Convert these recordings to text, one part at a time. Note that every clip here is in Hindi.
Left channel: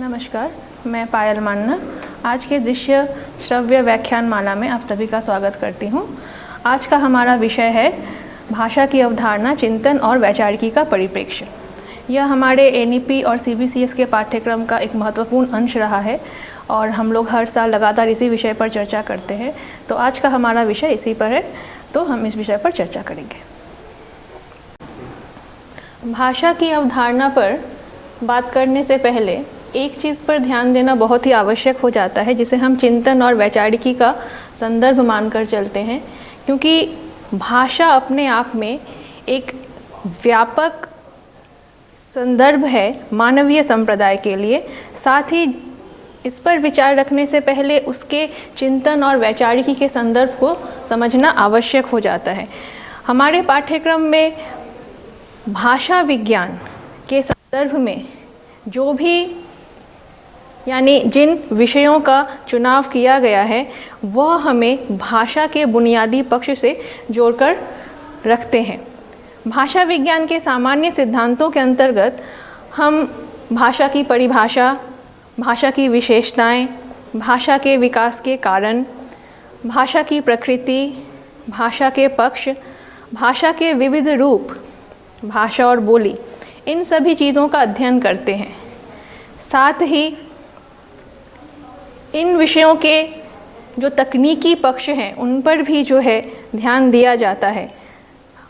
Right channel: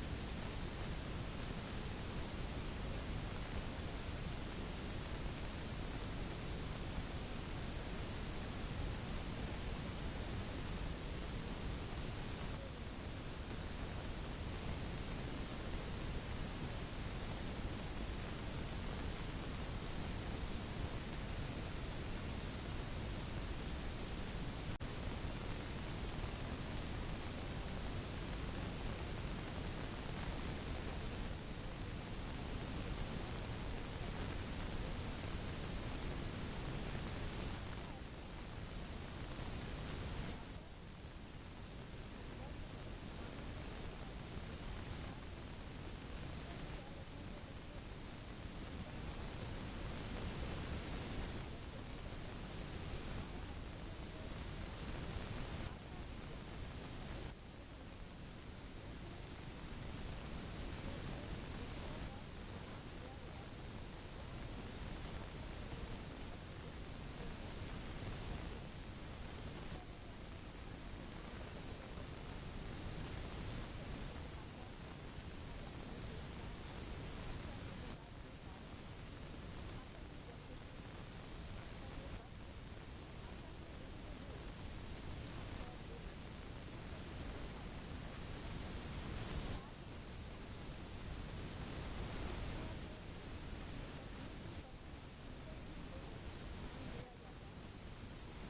नमस्कार, मैं पायल मान्ना आज के दृश्य श्रव्य व्याख्यान माला में आप सभी का स्वागत करती हूँ। आज का हमारा विषय है भाषा की अवधारणा, चिंतन और वैचारिकी का परिप्रेक्ष्य। यह हमारे एनईपी और सीबीसीएस के पाठ्यक्रम का एक महत्वपूर्ण अंश रहा है और हम लोग हर साल लगातार इसी विषय पर चर्चा करते हैं। तो आज का हमारा विषय इसी पर है, तो हम इस विषय पर चर्चा करेंगे। भाषा की अवधारणा पर बात करने से पहले एक चीज़ पर ध्यान देना बहुत ही आवश्यक हो जाता है, जिसे हम चिंतन और वैचारिकी का संदर्भ मानकर चलते हैं, क्योंकि भाषा अपने आप में एक व्यापक संदर्भ है मानवीय संप्रदाय के लिए। साथ ही इस पर विचार रखने से पहले उसके चिंतन और वैचारिकी के संदर्भ को समझना आवश्यक हो जाता है। हमारे पाठ्यक्रम में भाषा विज्ञान के संदर्भ में जो भी जिन विषयों का चुनाव किया गया है वह हमें भाषा के बुनियादी पक्ष से जोड़कर रखते हैं। भाषा विज्ञान के सामान्य सिद्धांतों के अंतर्गत हम भाषा की परिभाषा, भाषा की विशेषताएं, भाषा के विकास के कारण, भाषा की प्रकृति, भाषा के पक्ष, भाषा के विविध रूप, भाषा और बोली, इन सभी चीज़ों का अध्ययन करते हैं। साथ ही इन विषयों के जो तकनीकी पक्ष हैं उन पर भी ध्यान दिया जाता है।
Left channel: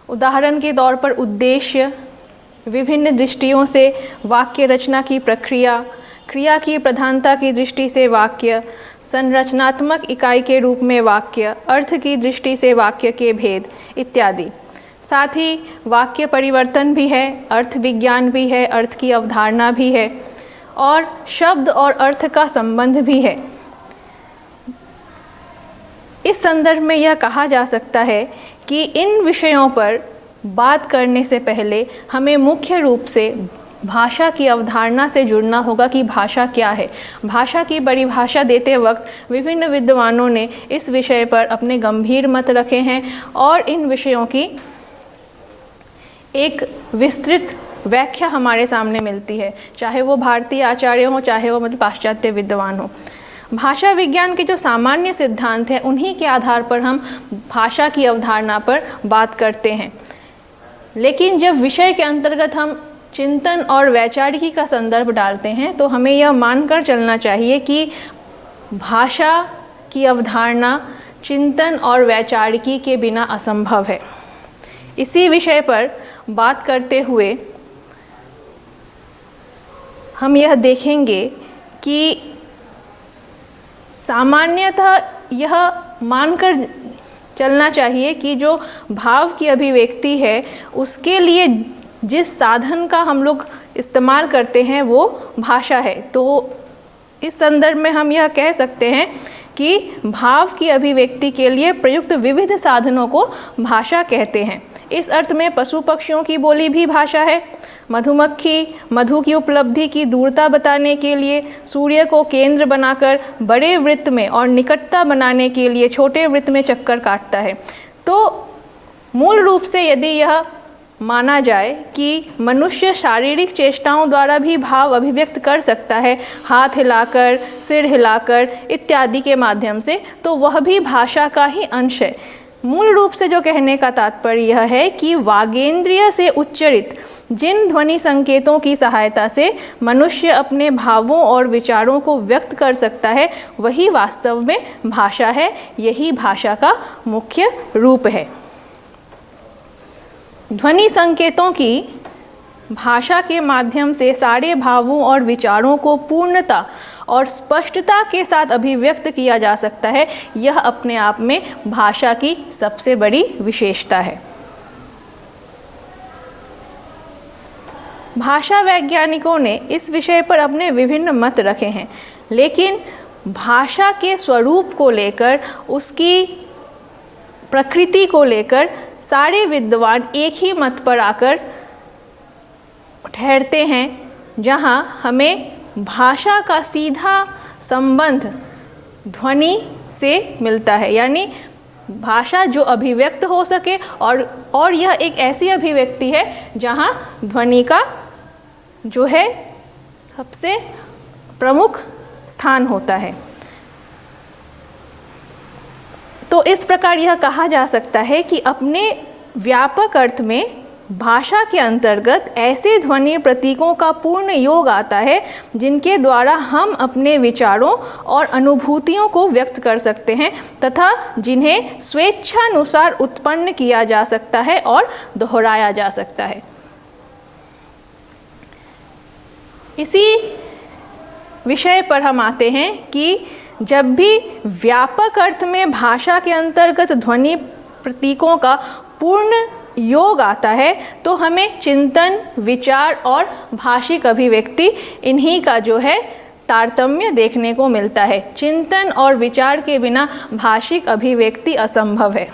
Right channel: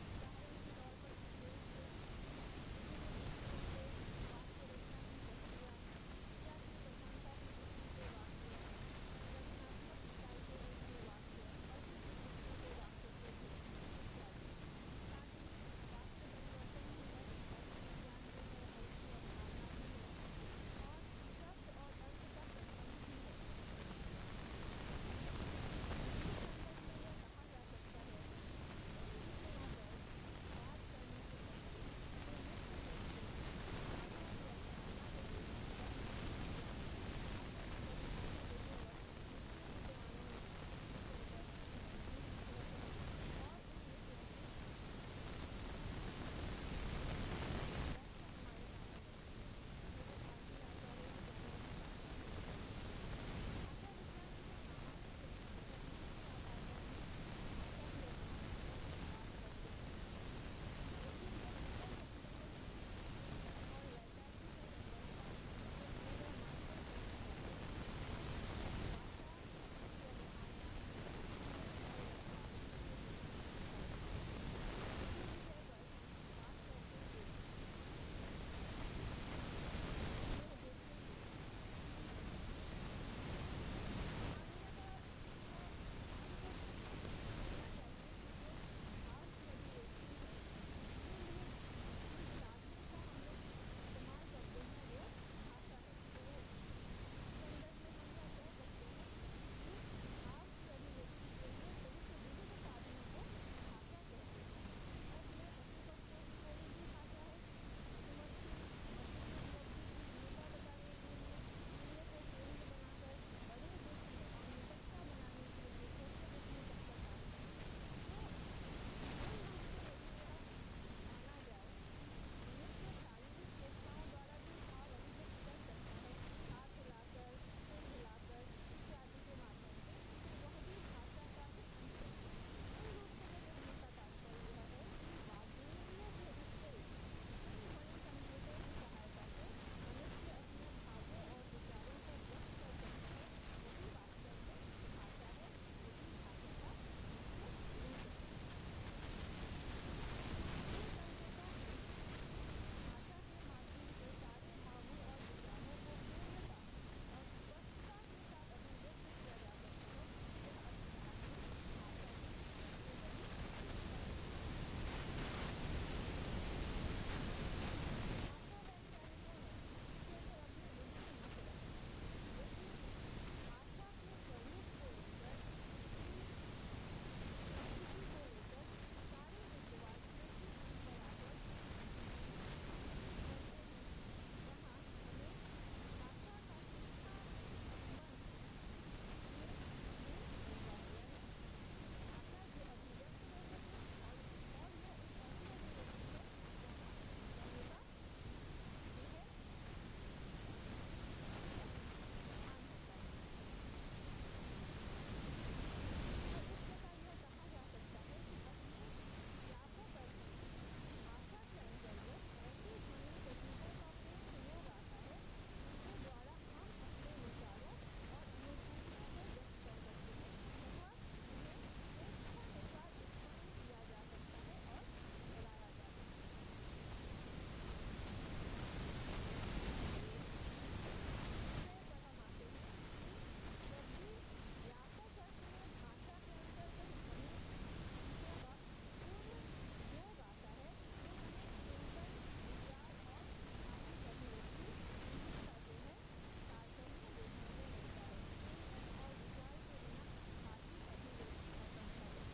उदाहरण के तौर पर उद्देश्य, विभिन्न दृष्टियों से वाक्य रचना की प्रक्रिया, क्रिया की प्रधानता की दृष्टि से वाक्य, संरचनात्मक इकाई के रूप में वाक्य, अर्थ की दृष्टि से वाक्य के भेद इत्यादि। साथ ही वाक्य परिवर्तन भी है, अर्थ विज्ञान भी है, अर्थ की अवधारणा भी है और शब्द और अर्थ का संबंध भी है। इस संदर्भ में यह कहा जा सकता है कि इन विषयों पर बात करने से पहले हमें मुख्य रूप से भाषा की अवधारणा से जुड़ना होगा कि भाषा क्या है। भाषा की परिभाषा देते वक्त विभिन्न विद्वानों ने इस विषय पर अपने गंभीर मत रखे हैं और इन विषयों की एक विस्तृत व्याख्या हमारे सामने मिलती है, चाहे वो भारतीय आचार्य हो, चाहे वो पाश्चात्य विद्वान हो। भाषा विज्ञान के जो सामान्य सिद्धांत हैं उन्हीं के आधार पर हम भाषा की अवधारणा पर बात करते हैं। लेकिन जब विषय के अंतर्गत हम चिंतन और वैचारिकी का संदर्भ डालते हैं तो हमें यह मानकर चलना चाहिए कि भाषा की अवधारणा चिंतन और वैचारिकी के बिना असंभव है। इसी विषय पर बात करते हुए हम यह देखेंगे कि सामान्यतः यह मानकर चलना चाहिए कि जो भाव की अभिव्यक्ति है उसके लिए जिस साधन का हम लोग इस्तेमाल करते हैं वो भाषा है। तो इस संदर्भ में हम यह कह सकते हैं कि भाव की अभिव्यक्ति के लिए प्रयुक्त विविध साधनों को भाषा कहते हैं। इस अर्थ में पशु पक्षियों की बोली भी भाषा है। मधुमक्खी मधु की उपलब्धि की दूरता बताने के लिए सूर्य को केंद्र बनाकर बड़े वृत्त में और निकटता बनाने के लिए छोटे वृत्त में चक्कर काटता है। तो मूल रूप से यदि यह माना जाए कि मनुष्य शारीरिक चेष्टाओं द्वारा भी भाव अभिव्यक्त कर सकता है, हाथ हिलाकर, सिर हिलाकर इत्यादि के माध्यम से, तो वह भी भाषा का ही अंश है। मूल रूप से जो कहने का तात्पर्य यह है कि वागेंद्रिय से उच्चरित जिन ध्वनि संकेतों की सहायता से मनुष्य अपने भावों और विचारों को व्यक्त कर सकता है वही वास्तव में भाषा है। यही भाषा का मुख्य रूप है। ध्वनि संकेतों की भाषा के माध्यम से सारे भावों और विचारों को पूर्णता और स्पष्टता के साथ अभिव्यक्त किया जा सकता है। यह अपने आप में भाषा की सबसे बड़ी विशेषता है। भाषा वैज्ञानिकों ने इस विषय पर अपने विभिन्न मत रखे हैं, लेकिन भाषा के स्वरूप को लेकर, उसकी प्रकृति को लेकर सारे विद्वान एक ही मत पर आकर ठहरते हैं, जहां हमें भाषा का सीधा संबंध ध्वनि से मिलता है। यानी भाषा जो अभिव्यक्त हो सके और यह एक ऐसी अभिव्यक्ति है जहां ध्वनि का जो है सबसे प्रमुख स्थान होता है। तो इस प्रकार यह कहा जा सकता है कि अपने व्यापक अर्थ में भाषा के अंतर्गत ऐसे ध्वनि प्रतीकों का पूर्ण योग आता है जिनके द्वारा हम अपने विचारों और अनुभूतियों को व्यक्त कर सकते हैं तथा जिन्हें स्वेच्छानुसार उत्पन्न किया जा सकता है और दोहराया जा सकता है। इसी विषय पर हम आते हैं कि जब भी व्यापक अर्थ में भाषा के अंतर्गत ध्वनि प्रतीकों का पूर्ण योग आता है तो हमें चिंतन, विचार और भाषिक अभिव्यक्ति इन्हीं का जो है तारतम्य देखने को मिलता है। चिंतन और विचार के बिना भाषिक अभिव्यक्ति असंभव है।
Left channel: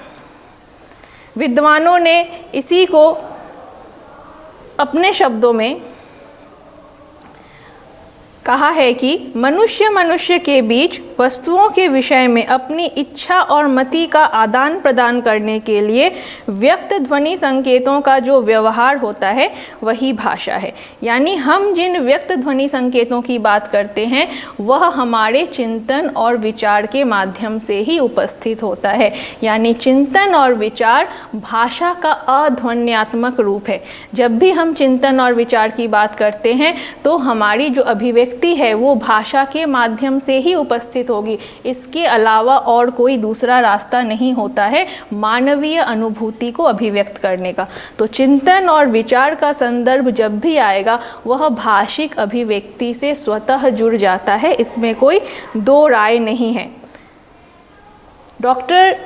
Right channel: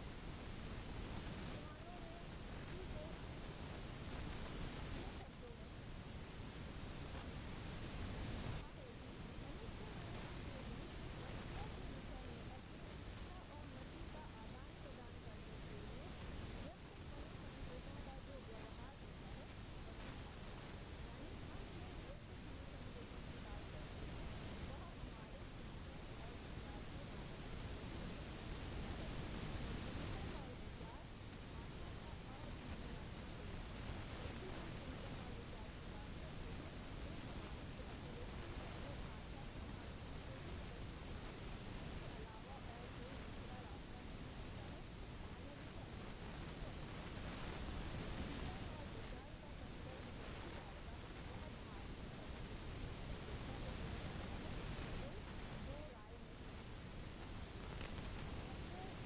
विद्वानों ने इसी को अपने शब्दों में कहा है कि मनुष्य के बीच वस्तुओं के विषय में अपनी इच्छा और मति का आदान प्रदान करने के लिए व्यक्त ध्वनि संकेतों का जो व्यवहार होता है वही भाषा है। यानी हम जिन व्यक्त ध्वनि संकेतों की बात करते हैं वह हमारे चिंतन और विचार के माध्यम से ही उपस्थित होता है। यानी चिंतन और विचार भाषा का अध्वन्यात्मक रूप है। जब भी हम चिंतन और विचार की बात करते हैं तो हमारी जो अभिव्यक्ति है वो भाषा के माध्यम से ही उपस्थित होगी। इसके अलावा और कोई दूसरा रास्ता नहीं होता है मानवीय अनुभूति को अभिव्यक्त करने का। तो चिंतन और विचार का संदर्भ जब भी आएगा वह भाषिक अभिव्यक्ति से स्वतः जुड़ जाता है, इसमें कोई दो राय नहीं है। डॉक्टर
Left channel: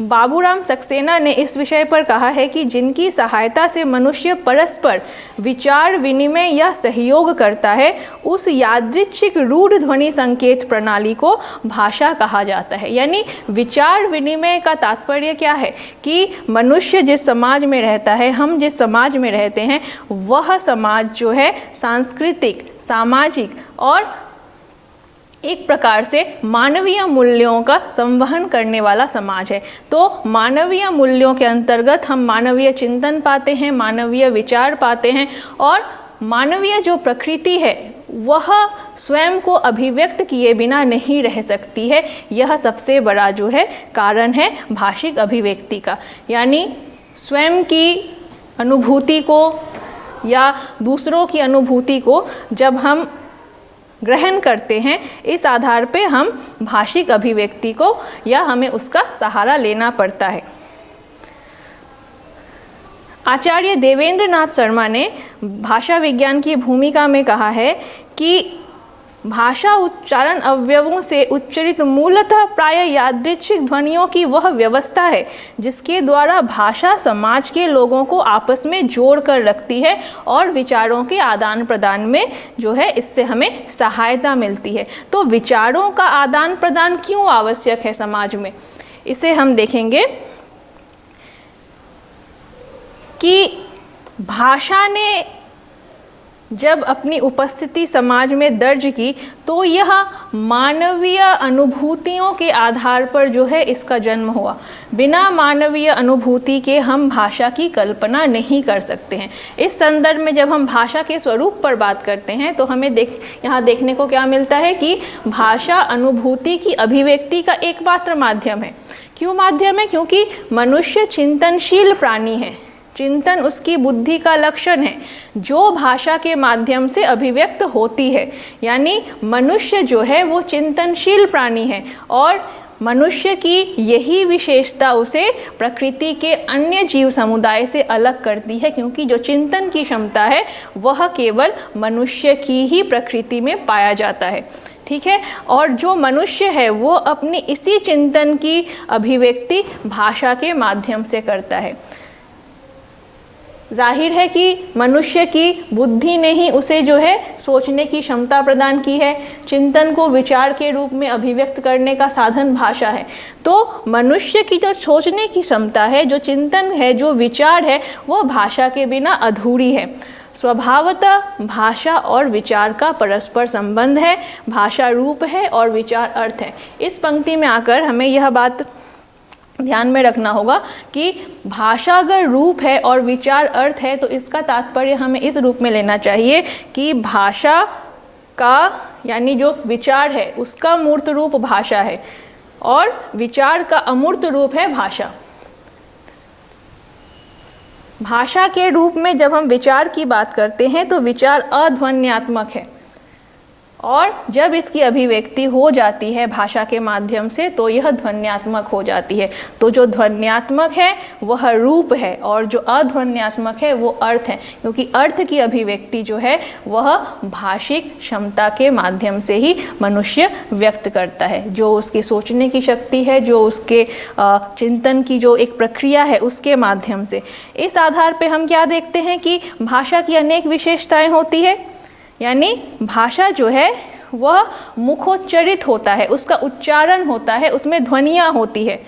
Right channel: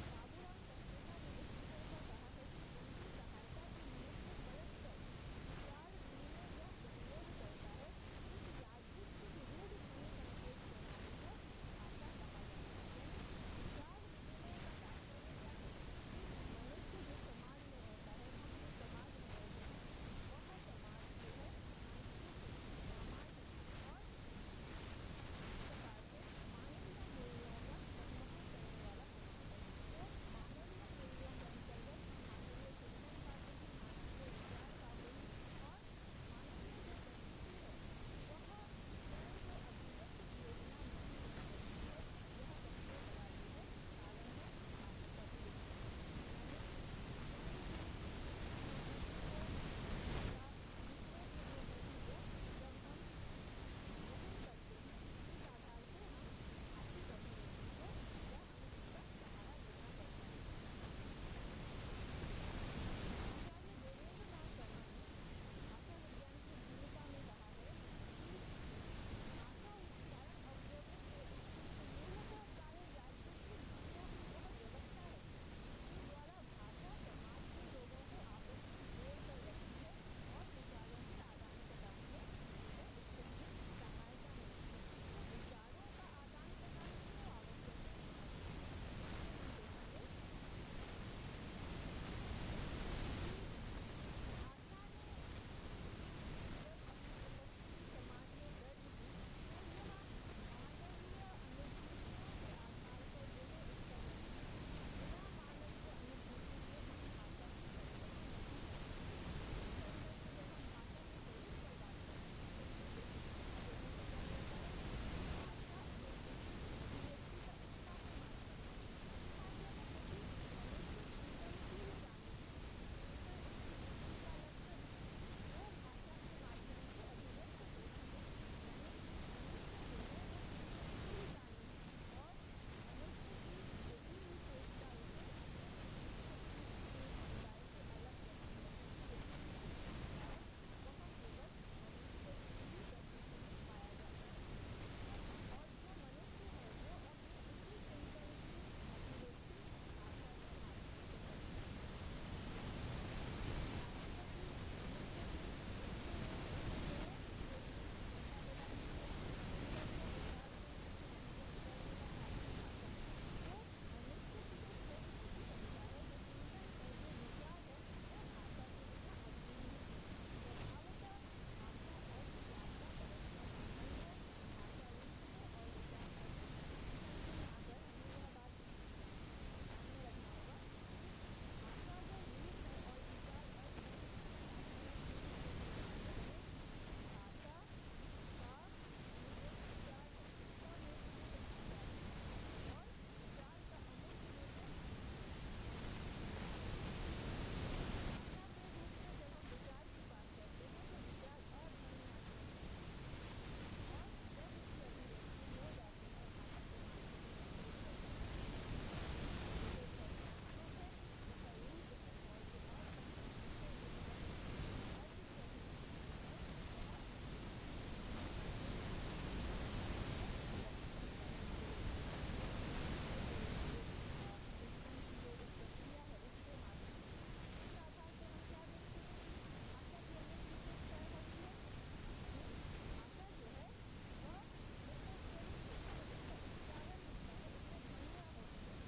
बाबूराम सक्सेना ने इस विषय पर कहा है कि जिनकी सहायता से मनुष्य परस्पर विचार विनिमय या सहयोग करता है उस यादृच्छिक रूढ़ ध्वनि संकेत प्रणाली को भाषा कहा जाता है। यानी विचार विनिमय का तात्पर्य क्या है कि मनुष्य जिस समाज में रहता है, हम जिस समाज में रहते हैं, वह समाज जो है सांस्कृतिक, सामाजिक और एक प्रकार से मानवीय मूल्यों का संवहन करने वाला समाज है। तो मानवीय मूल्यों के अंतर्गत हम मानवीय चिंतन पाते हैं, मानवीय विचार पाते हैं और मानवीय जो प्रकृति है वह स्वयं को अभिव्यक्त किए बिना नहीं रह सकती है। यह सबसे बड़ा जो है कारण है भाषिक अभिव्यक्ति का। यानी स्वयं की अनुभूति को या दूसरों की अनुभूति को जब हम ग्रहण करते हैं, इस आधार पे हम भाषिक अभिव्यक्ति को या हमें उसका सहारा लेना पड़ता है। आचार्य देवेंद्र नाथ शर्मा ने भाषा विज्ञान की भूमिका में कहा है कि भाषा उच्चारण अवयवों से उच्चरित मूलतः प्राय यादृच्छिक ध्वनियों की वह व्यवस्था है जिसके द्वारा भाषा समाज के लोगों को आपस में जोड़ कर रखती है और विचारों के आदान प्रदान में जो है इससे हमें सहायता मिलती है। तो विचारों का आदान प्रदान क्यों आवश्यक है समाज में, इसे हम देखेंगे कि भाषा ने जब अपनी उपस्थिति समाज में दर्ज की तो यह मानवीय अनुभूतियों के आधार पर जो है इसका जन्म हुआ। बिना मानवीय अनुभूति के हम भाषा की कल्पना नहीं कर सकते हैं। इस संदर्भ में जब हम भाषा के स्वरूप पर बात करते हैं तो हमें यहाँ देखने को क्या मिलता है कि भाषा अनुभूति की अभिव्यक्ति का एकमात्र माध्यम है। क्यों माध्यम है? क्योंकि मनुष्य चिंतनशील प्राणी है। चिंतन उसकी बुद्धि का लक्षण है जो भाषा के माध्यम से अभिव्यक्त होती है। यानी मनुष्य जो है वो चिंतनशील प्राणी है और मनुष्य की यही विशेषता उसे प्रकृति के अन्य जीव समुदाय से अलग करती है, क्योंकि जो चिंतन की क्षमता है वह केवल मनुष्य की ही प्रकृति में पाया जाता है। ठीक है, और जो मनुष्य है वो अपनी इसी चिंतन की अभिव्यक्ति भाषा के माध्यम से करता है। जाहिर है कि मनुष्य की बुद्धि ने ही उसे जो है सोचने की क्षमता प्रदान की है। चिंतन को विचार के रूप में अभिव्यक्त करने का साधन भाषा है। तो मनुष्य की जो सोचने की क्षमता है, जो चिंतन है, जो विचार है, वह भाषा के बिना अधूरी है। स्वभावतः भाषा और विचार का परस्पर संबंध है। भाषा रूप है और विचार अर्थ है। इस पंक्ति में आकर हमें यह बात ध्यान में रखना होगा कि भाषा अगर रूप है और विचार अर्थ है तो इसका तात्पर्य हमें इस रूप में लेना चाहिए कि भाषा का यानी जो विचार है उसका मूर्त रूप भाषा है और विचार का अमूर्त रूप है भाषा। भाषा के रूप में जब हम विचार की बात करते हैं तो विचार अध्वन्यात्मक है और जब इसकी अभिव्यक्ति हो जाती है भाषा के माध्यम से तो यह ध्वन्यात्मक हो जाती है। तो जो ध्वन्यात्मक है वह रूप है और जो अध्वन्यात्मक है वो अर्थ है, क्योंकि अर्थ की अभिव्यक्ति जो है वह भाषिक क्षमता के माध्यम से ही मनुष्य व्यक्त करता है। जो उसकी सोचने की शक्ति है, जो उसके चिंतन की जो एक प्रक्रिया है उसके माध्यम से। इस आधार पे हम क्या देखते हैं कि भाषा की अनेक विशेषताएं होती है, यानी भाषा जो है वह मुखोच्चरित होता है, उसका उच्चारण होता है, उसमें ध्वनियाँ होती है।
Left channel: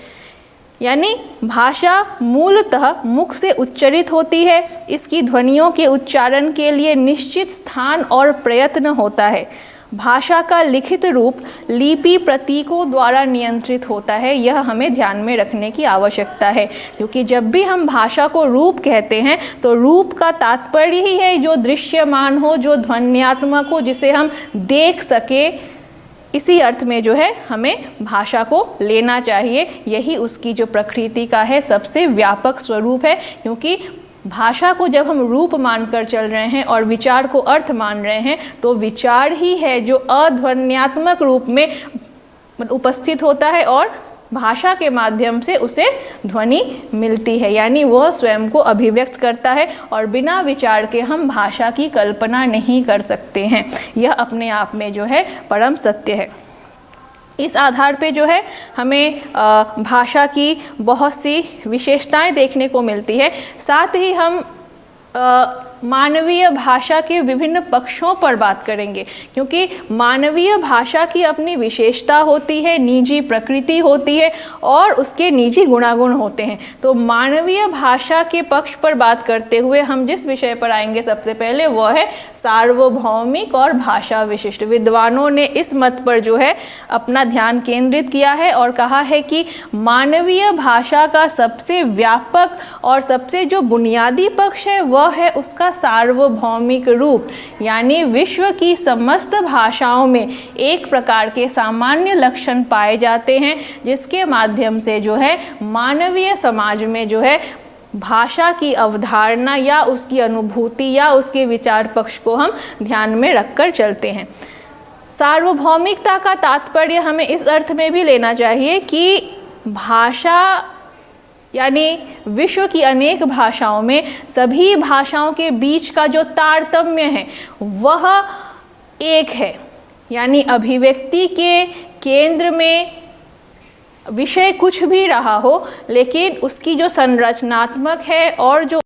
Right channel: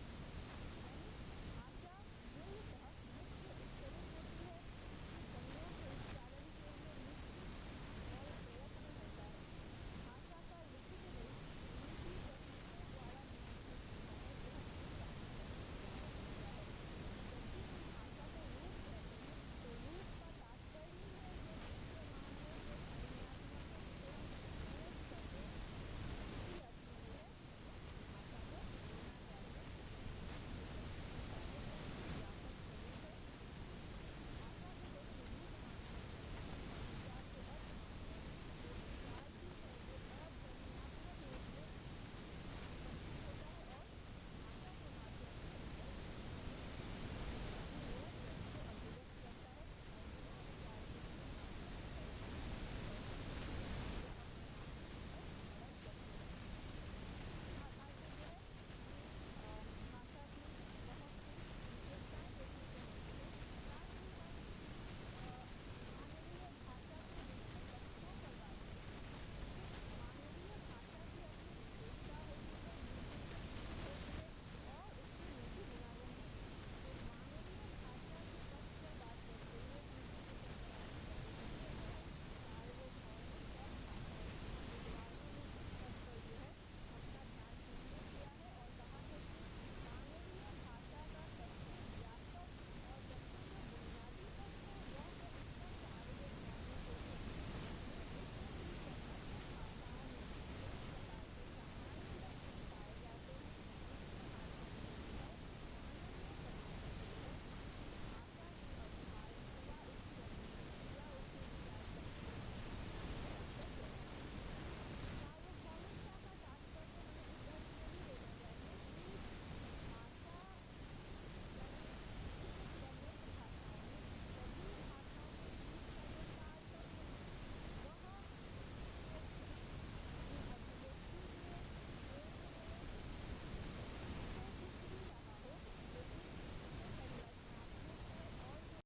यानी भाषा मूलतः मुख से उच्चरित होती है। इसकी ध्वनियों के उच्चारण के लिए निश्चित स्थान और प्रयत्न होता है। भाषा का लिखित रूप लिपि प्रतीकों द्वारा नियंत्रित होता है, यह हमें ध्यान में रखने की आवश्यकता है, क्योंकि जब भी हम भाषा को रूप कहते हैं तो रूप का तात्पर्य ही है जो दृश्यमान हो, जो ध्वन्यात्मक हो, जिसे हम देख सके। इसी अर्थ में जो है हमें भाषा को लेना चाहिए। यही उसकी जो प्रकृति का है सबसे व्यापक स्वरूप है, क्योंकि भाषा को जब हम रूप मानकर चल रहे हैं और विचार को अर्थ मान रहे हैं तो विचार ही है जो अध्वन्यात्मक रूप में उपस्थित होता है और भाषा के माध्यम से उसे ध्वनि मिलती है, यानी वह स्वयं को अभिव्यक्त करता है और बिना विचार के हम भाषा की कल्पना नहीं कर सकते हैं। यह अपने आप में जो है परम सत्य है। इस आधार पे जो है हमें भाषा की बहुत सी विशेषताएं देखने को मिलती है। साथ ही हम मानवीय भाषा के विभिन्न पक्षों पर बात करेंगे, क्योंकि मानवीय भाषा की अपनी विशेषता होती है, निजी प्रकृति होती है और उसके निजी गुणागुण होते हैं। तो मानवीय भाषा के पक्ष पर बात करते हुए हम जिस विषय पर आएंगे सबसे पहले वह है सार्वभौमिक और भाषा विशिष्ट। विद्वानों ने इस मत पर जो है अपना ध्यान केंद्रित किया है और कहा है कि मानवीय भाषा का सबसे व्यापक और सबसे जो बुनियादी पक्ष है वह है उसका सार्वभौमिक रूप, यानी विश्व की समस्त भाषाओं में एक प्रकार के सामान्य लक्षण पाए जाते हैं, जिसके माध्यम से जो है मानवीय समाज में जो है भाषा की अवधारणा या उसकी अनुभूति या उसके विचार पक्ष को हम ध्यान में रखकर चलते हैं। सार्वभौमिकता का तात्पर्य हमें इस अर्थ में भी लेना चाहिए कि भाषा यानी विश्व की अनेक भाषाओं में सभी भाषाओं के बीच का जो तारतम्य है वह एक है, यानी अभिव्यक्ति के केंद्र में विषय कुछ भी रहा हो, लेकिन उसकी जो संरचनात्मक है और जो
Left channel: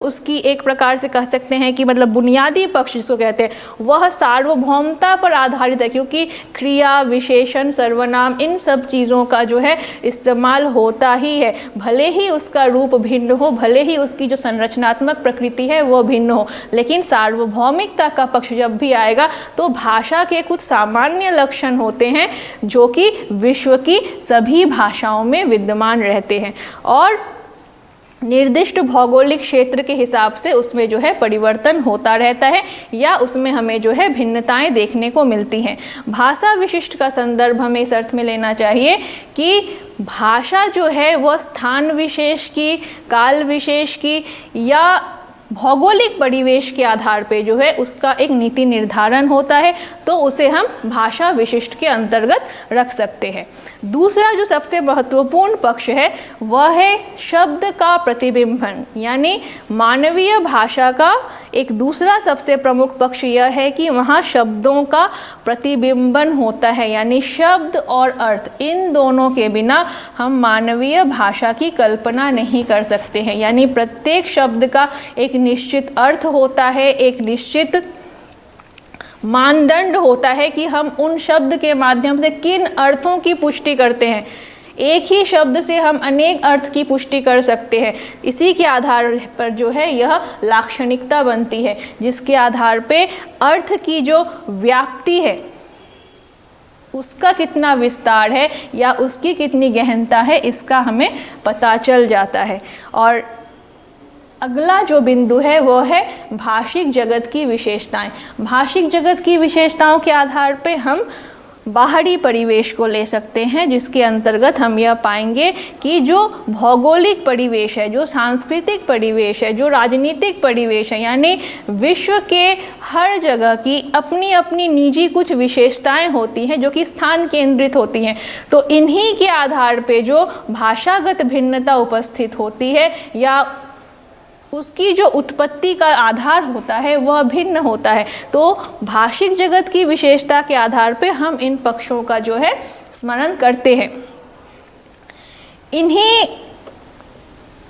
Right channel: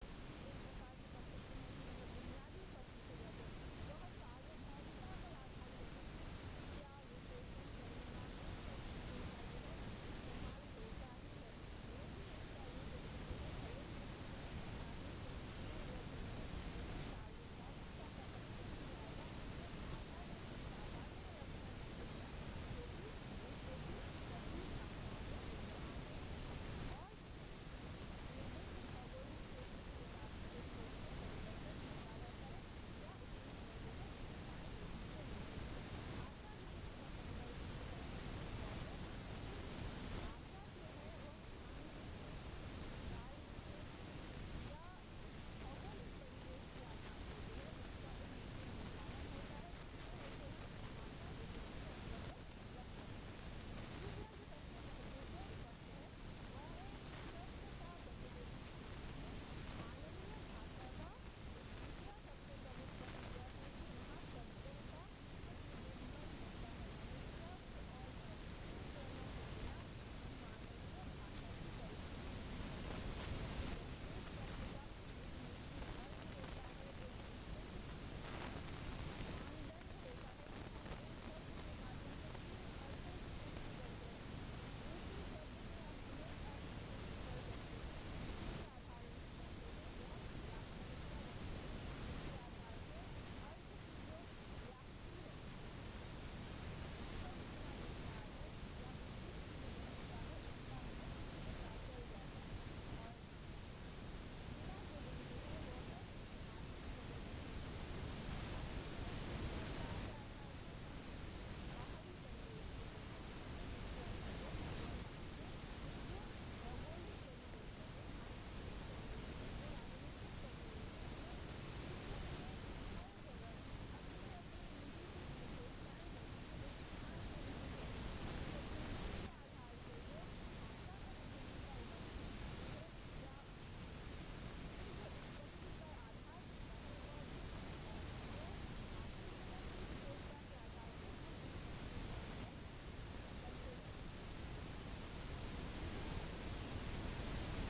उसकी एक प्रकार से कह सकते हैं कि मतलब बुनियादी पक्ष जिसको कहते हैं वह सार्वभौमता पर आधारित है, क्योंकि क्रिया, विशेषण, सर्वनाम इन सब चीज़ों का जो है इस्तेमाल होता ही है। भले ही उसका रूप भिन्न हो, भले ही उसकी जो संरचनात्मक प्रकृति है वो भिन्न हो, लेकिन सार्वभौमिकता का पक्ष जब भी आएगा तो भाषा के कुछ सामान्य लक्षण होते हैं जो कि विश्व की सभी भाषाओं में विद्यमान रहते हैं और निर्दिष्ट भौगोलिक क्षेत्र के हिसाब से उसमें जो है परिवर्तन होता रहता है या उसमें हमें जो है भिन्नताएं देखने को मिलती हैं। भाषा विशिष्ट का संदर्भ हमें इस अर्थ में लेना चाहिए कि भाषा जो है वह स्थान विशेष की, काल विशेष की या भौगोलिक परिवेश के आधार पे जो है उसका एक नीति निर्धारण होता है, तो उसे हम भाषा विशिष्ट के अंतर्गत रख सकते हैं। दूसरा जो सबसे महत्वपूर्ण पक्ष है वह है शब्द का प्रतिबिंबन, यानी मानवीय भाषा का एक दूसरा सबसे प्रमुख पक्ष यह है कि वहाँ शब्दों का प्रतिबिंबन होता है, यानी शब्द और अर्थ इन दोनों के बिना हम मानवीय भाषा की कल्पना नहीं कर सकते हैं। यानी प्रत्येक शब्द का एक निश्चित अर्थ होता है, एक निश्चित मानदंड होता है कि हम उन शब्द के माध्यम से किन अर्थों की पुष्टि करते हैं। एक ही शब्द से हम अनेक अर्थ की पुष्टि कर सकते हैं। इसी के आधार पर जो है यह लाक्षणिकता बनती है, जिसके आधार पे अर्थ की जो व्याप्ति है उसका कितना विस्तार है या उसकी कितनी गहनता है इसका हमें पता चल जाता है। और अगला जो बिंदु है वो है भाषिक जगत की विशेषताएं। भाषिक जगत की विशेषताओं के आधार पे हम बाहरी परिवेश को ले सकते हैं, जिसके अंतर्गत हम यह पाएंगे कि जो भौगोलिक परिवेश है, जो सांस्कृतिक परिवेश है, जो राजनीतिक परिवेश है, यानी विश्व के हर जगह की अपनी अपनी निजी कुछ विशेषताएं होती हैं जो कि स्थान केंद्रित होती हैं। तो इन्हीं के आधार पे जो भाषागत भिन्नता उपस्थित होती है या उसकी जो उत्पत्ति का आधार होता है वह भिन्न होता है। तो भाषिक जगत की विशेषता के आधार पे हम इन पक्षों का जो है स्मरण करते हैं। इन्हीं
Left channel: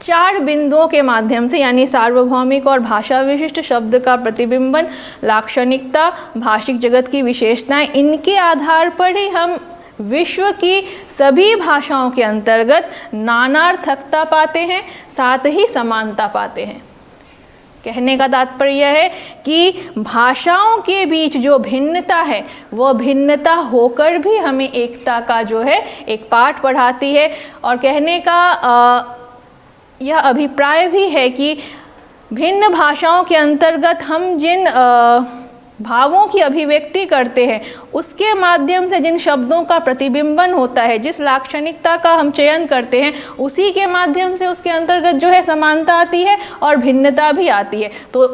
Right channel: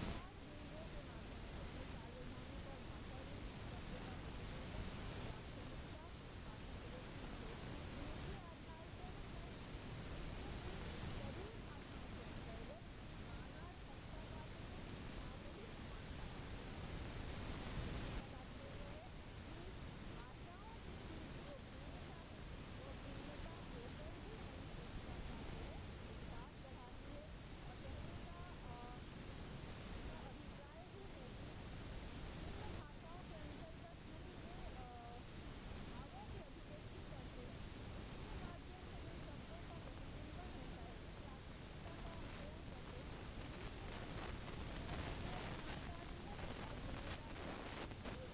4 बिंदुओं के माध्यम से, यानी सार्वभौमिक और भाषा विशिष्ट शब्द का प्रतिबिंबन, लाक्षणिकता, भाषिक जगत की विशेषताएं, इनके आधार पर ही हम विश्व की सभी भाषाओं के अंतर्गत नानार्थकता पाते हैं, साथ ही समानता पाते हैं। कहने का तात्पर्य है कि भाषाओं के बीच जो भिन्नता है वह भिन्नता होकर भी हमें एकता का जो है एक पाठ पढ़ाती है। और कहने का यह अभिप्राय भी है कि भिन्न भाषाओं के अंतर्गत हम जिन भावों की अभिव्यक्ति करते हैं उसके माध्यम से जिन शब्दों का प्रतिबिंबन होता है, जिस लाक्षणिकता का हम चयन करते हैं, उसी के माध्यम से उसके अंतर्गत जो है समानता आती है और भिन्नता भी आती है। तो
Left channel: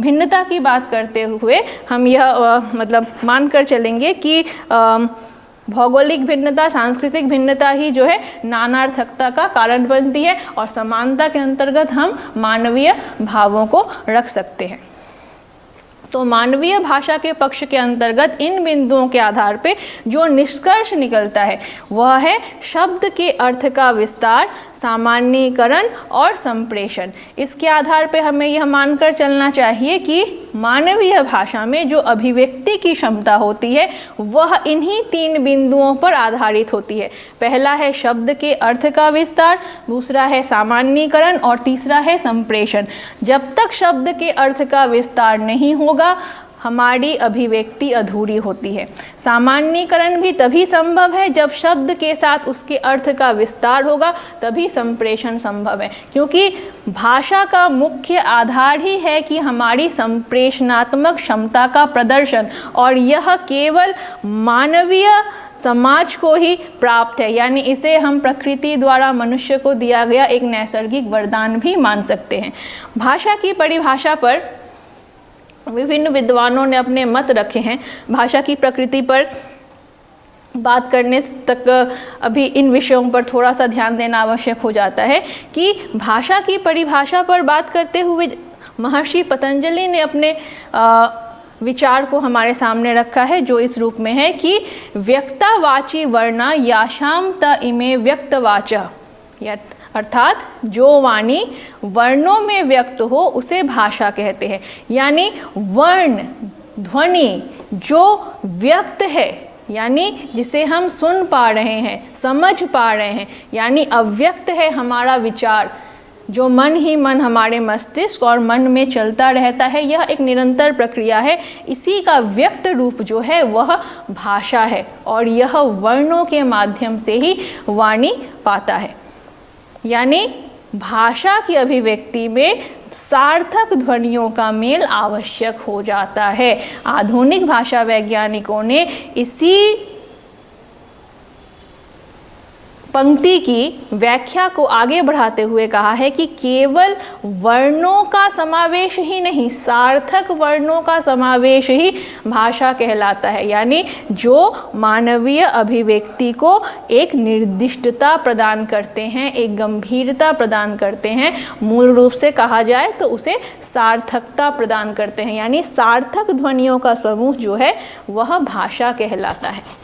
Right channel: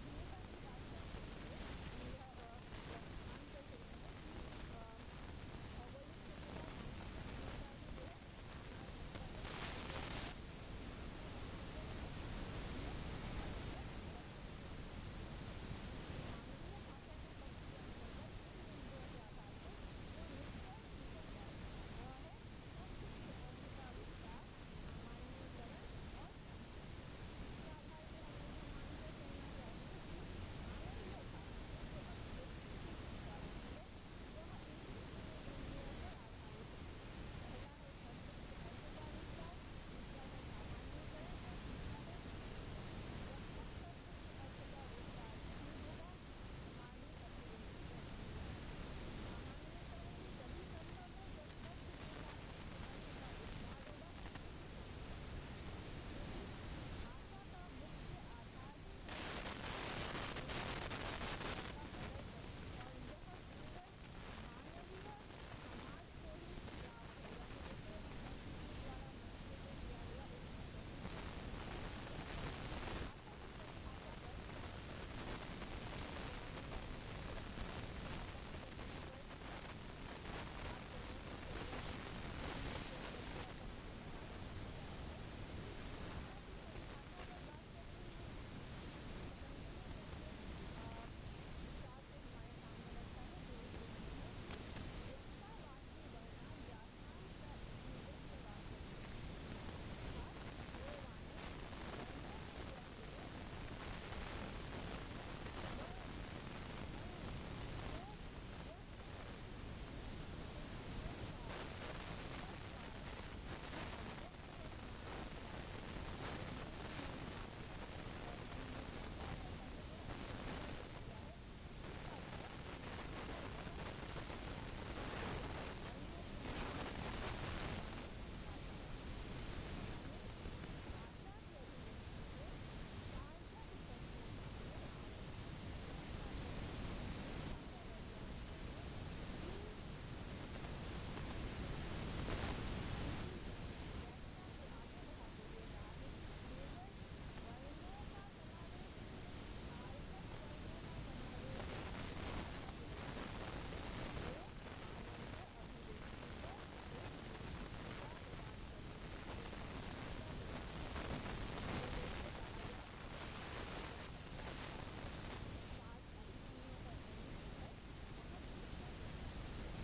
भिन्नता की बात करते हुए हम यह मतलब मानकर चलेंगे कि भौगोलिक भिन्नता, सांस्कृतिक भिन्नता ही जो है नानार्थकता का कारण बनती है और समानता के अंतर्गत हम मानवीय भावों को रख सकते हैं। तो मानवीय भाषा के पक्ष के अंतर्गत इन बिंदुओं के आधार पे जो निष्कर्ष निकलता है वह है शब्द के अर्थ का विस्तार, सामान्यीकरण और संप्रेषण। इसके आधार पे हमें यह मानकर चलना चाहिए कि मानवीय भाषा में जो अभिव्यक्ति की क्षमता होती है वह इन्हीं 3 बिंदुओं पर आधारित होती है। पहला है शब्द के अर्थ का विस्तार, दूसरा है सामान्यीकरण और तीसरा है संप्रेषण। जब तक शब्द के अर्थ का विस्तार नहीं होगा हमारी अभिव्यक्ति अधूरी होती है। सामान्यीकरण भी तभी संभव है जब शब्द के साथ उसके अर्थ का विस्तार होगा, तभी संप्रेषण संभव है। क्योंकि भाषा का मुख्य आधार ही है कि हमारी संप्रेषणात्मक क्षमता का प्रदर्शन, और यह केवल मानवीय समाज को ही प्राप्त है। यानी इसे हम प्रकृति द्वारा मनुष्य को दिया गया एक नैसर्गिक वरदान भी मान सकते हैं। भाषा की परिभाषा पर विभिन्न विद्वानों ने अपने मत रखे हैं। भाषा की प्रकृति पर बात करने तक अभी इन विषयों पर थोड़ा सा ध्यान देना आवश्यक हो जाता है कि भाषा की परिभाषा पर बात करते हुए महर्षि पतंजलि ने अपने विचार को हमारे सामने रखा है, जो इस रूप में है कि व्यक्तावाची वर्णा याशाम त इमे व्यक्तवाचा, अर्थात जो वाणी वर्णों में व्यक्त हो उसे भाषा कहते हैं। यानी वर्ण ध्वनि जो व्यक्त है, यानी जिसे हम सुन पा रहे हैं, समझ पा रहे हैं, यानी अव्यक्त है हमारा विचार, जो मन ही मन हमारे मस्तिष्क और मन में चलता रहता है, यह एक निरंतर प्रक्रिया है। इसी का व्यक्त रूप जो है वह भाषा है और यह वर्णों के माध्यम से ही वाणी पाता है। यानी भाषा की अभिव्यक्ति में सार्थक ध्वनियों का मेल आवश्यक हो जाता है। आधुनिक भाषा वैज्ञानिकों ने इसी पंक्ति की व्याख्या को आगे बढ़ाते हुए कहा है कि केवल वर्णों का समावेश ही नहीं, सार्थक वर्णों का समावेश ही भाषा कहलाता है। यानी जो मानवीय अभिव्यक्ति को एक निर्दिष्टता प्रदान करते हैं, एक गंभीरता प्रदान करते हैं, मूल रूप से कहा जाए तो उसे सार्थकता प्रदान करते हैं। यानी सार्थक ध्वनियों का समूह जो है वह भाषा कहलाता है।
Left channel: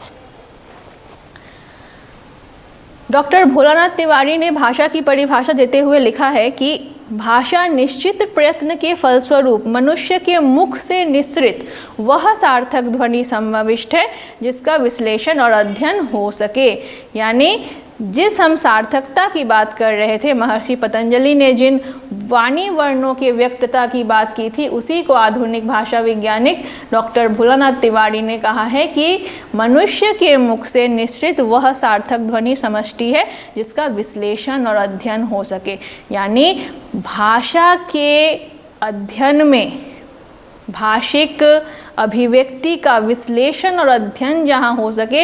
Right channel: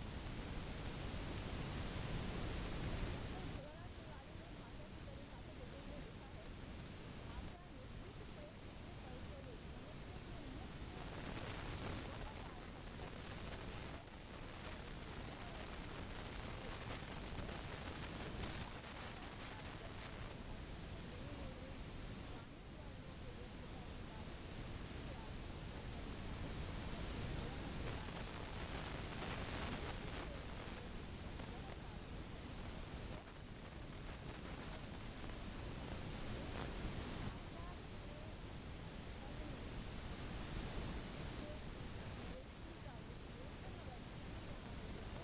डॉक्टर भोलानाथ तिवारी ने भाषा की परिभाषा देते हुए लिखा है कि भाषा निश्चित प्रयत्न के फलस्वरूप मनुष्य के मुख से निस्सृत वह सार्थक ध्वनि समाविष्ट है जिसका विश्लेषण और अध्ययन हो सके। यानी जिस हम सार्थकता की बात कर रहे थे, महर्षि पतंजलि ने जिन वाणी वर्णों के व्यक्तता की बात की थी, उसी को आधुनिक भाषा वैज्ञानिक डॉक्टर भोलानाथ तिवारी ने कहा है कि मनुष्य के मुख से निश्चित वह सार्थक ध्वनि समष्टि है जिसका विश्लेषण और अध्ययन हो सके। यानी भाषा के अध्ययन में भाषिक अभिव्यक्ति का विश्लेषण और अध्ययन जहाँ हो सके,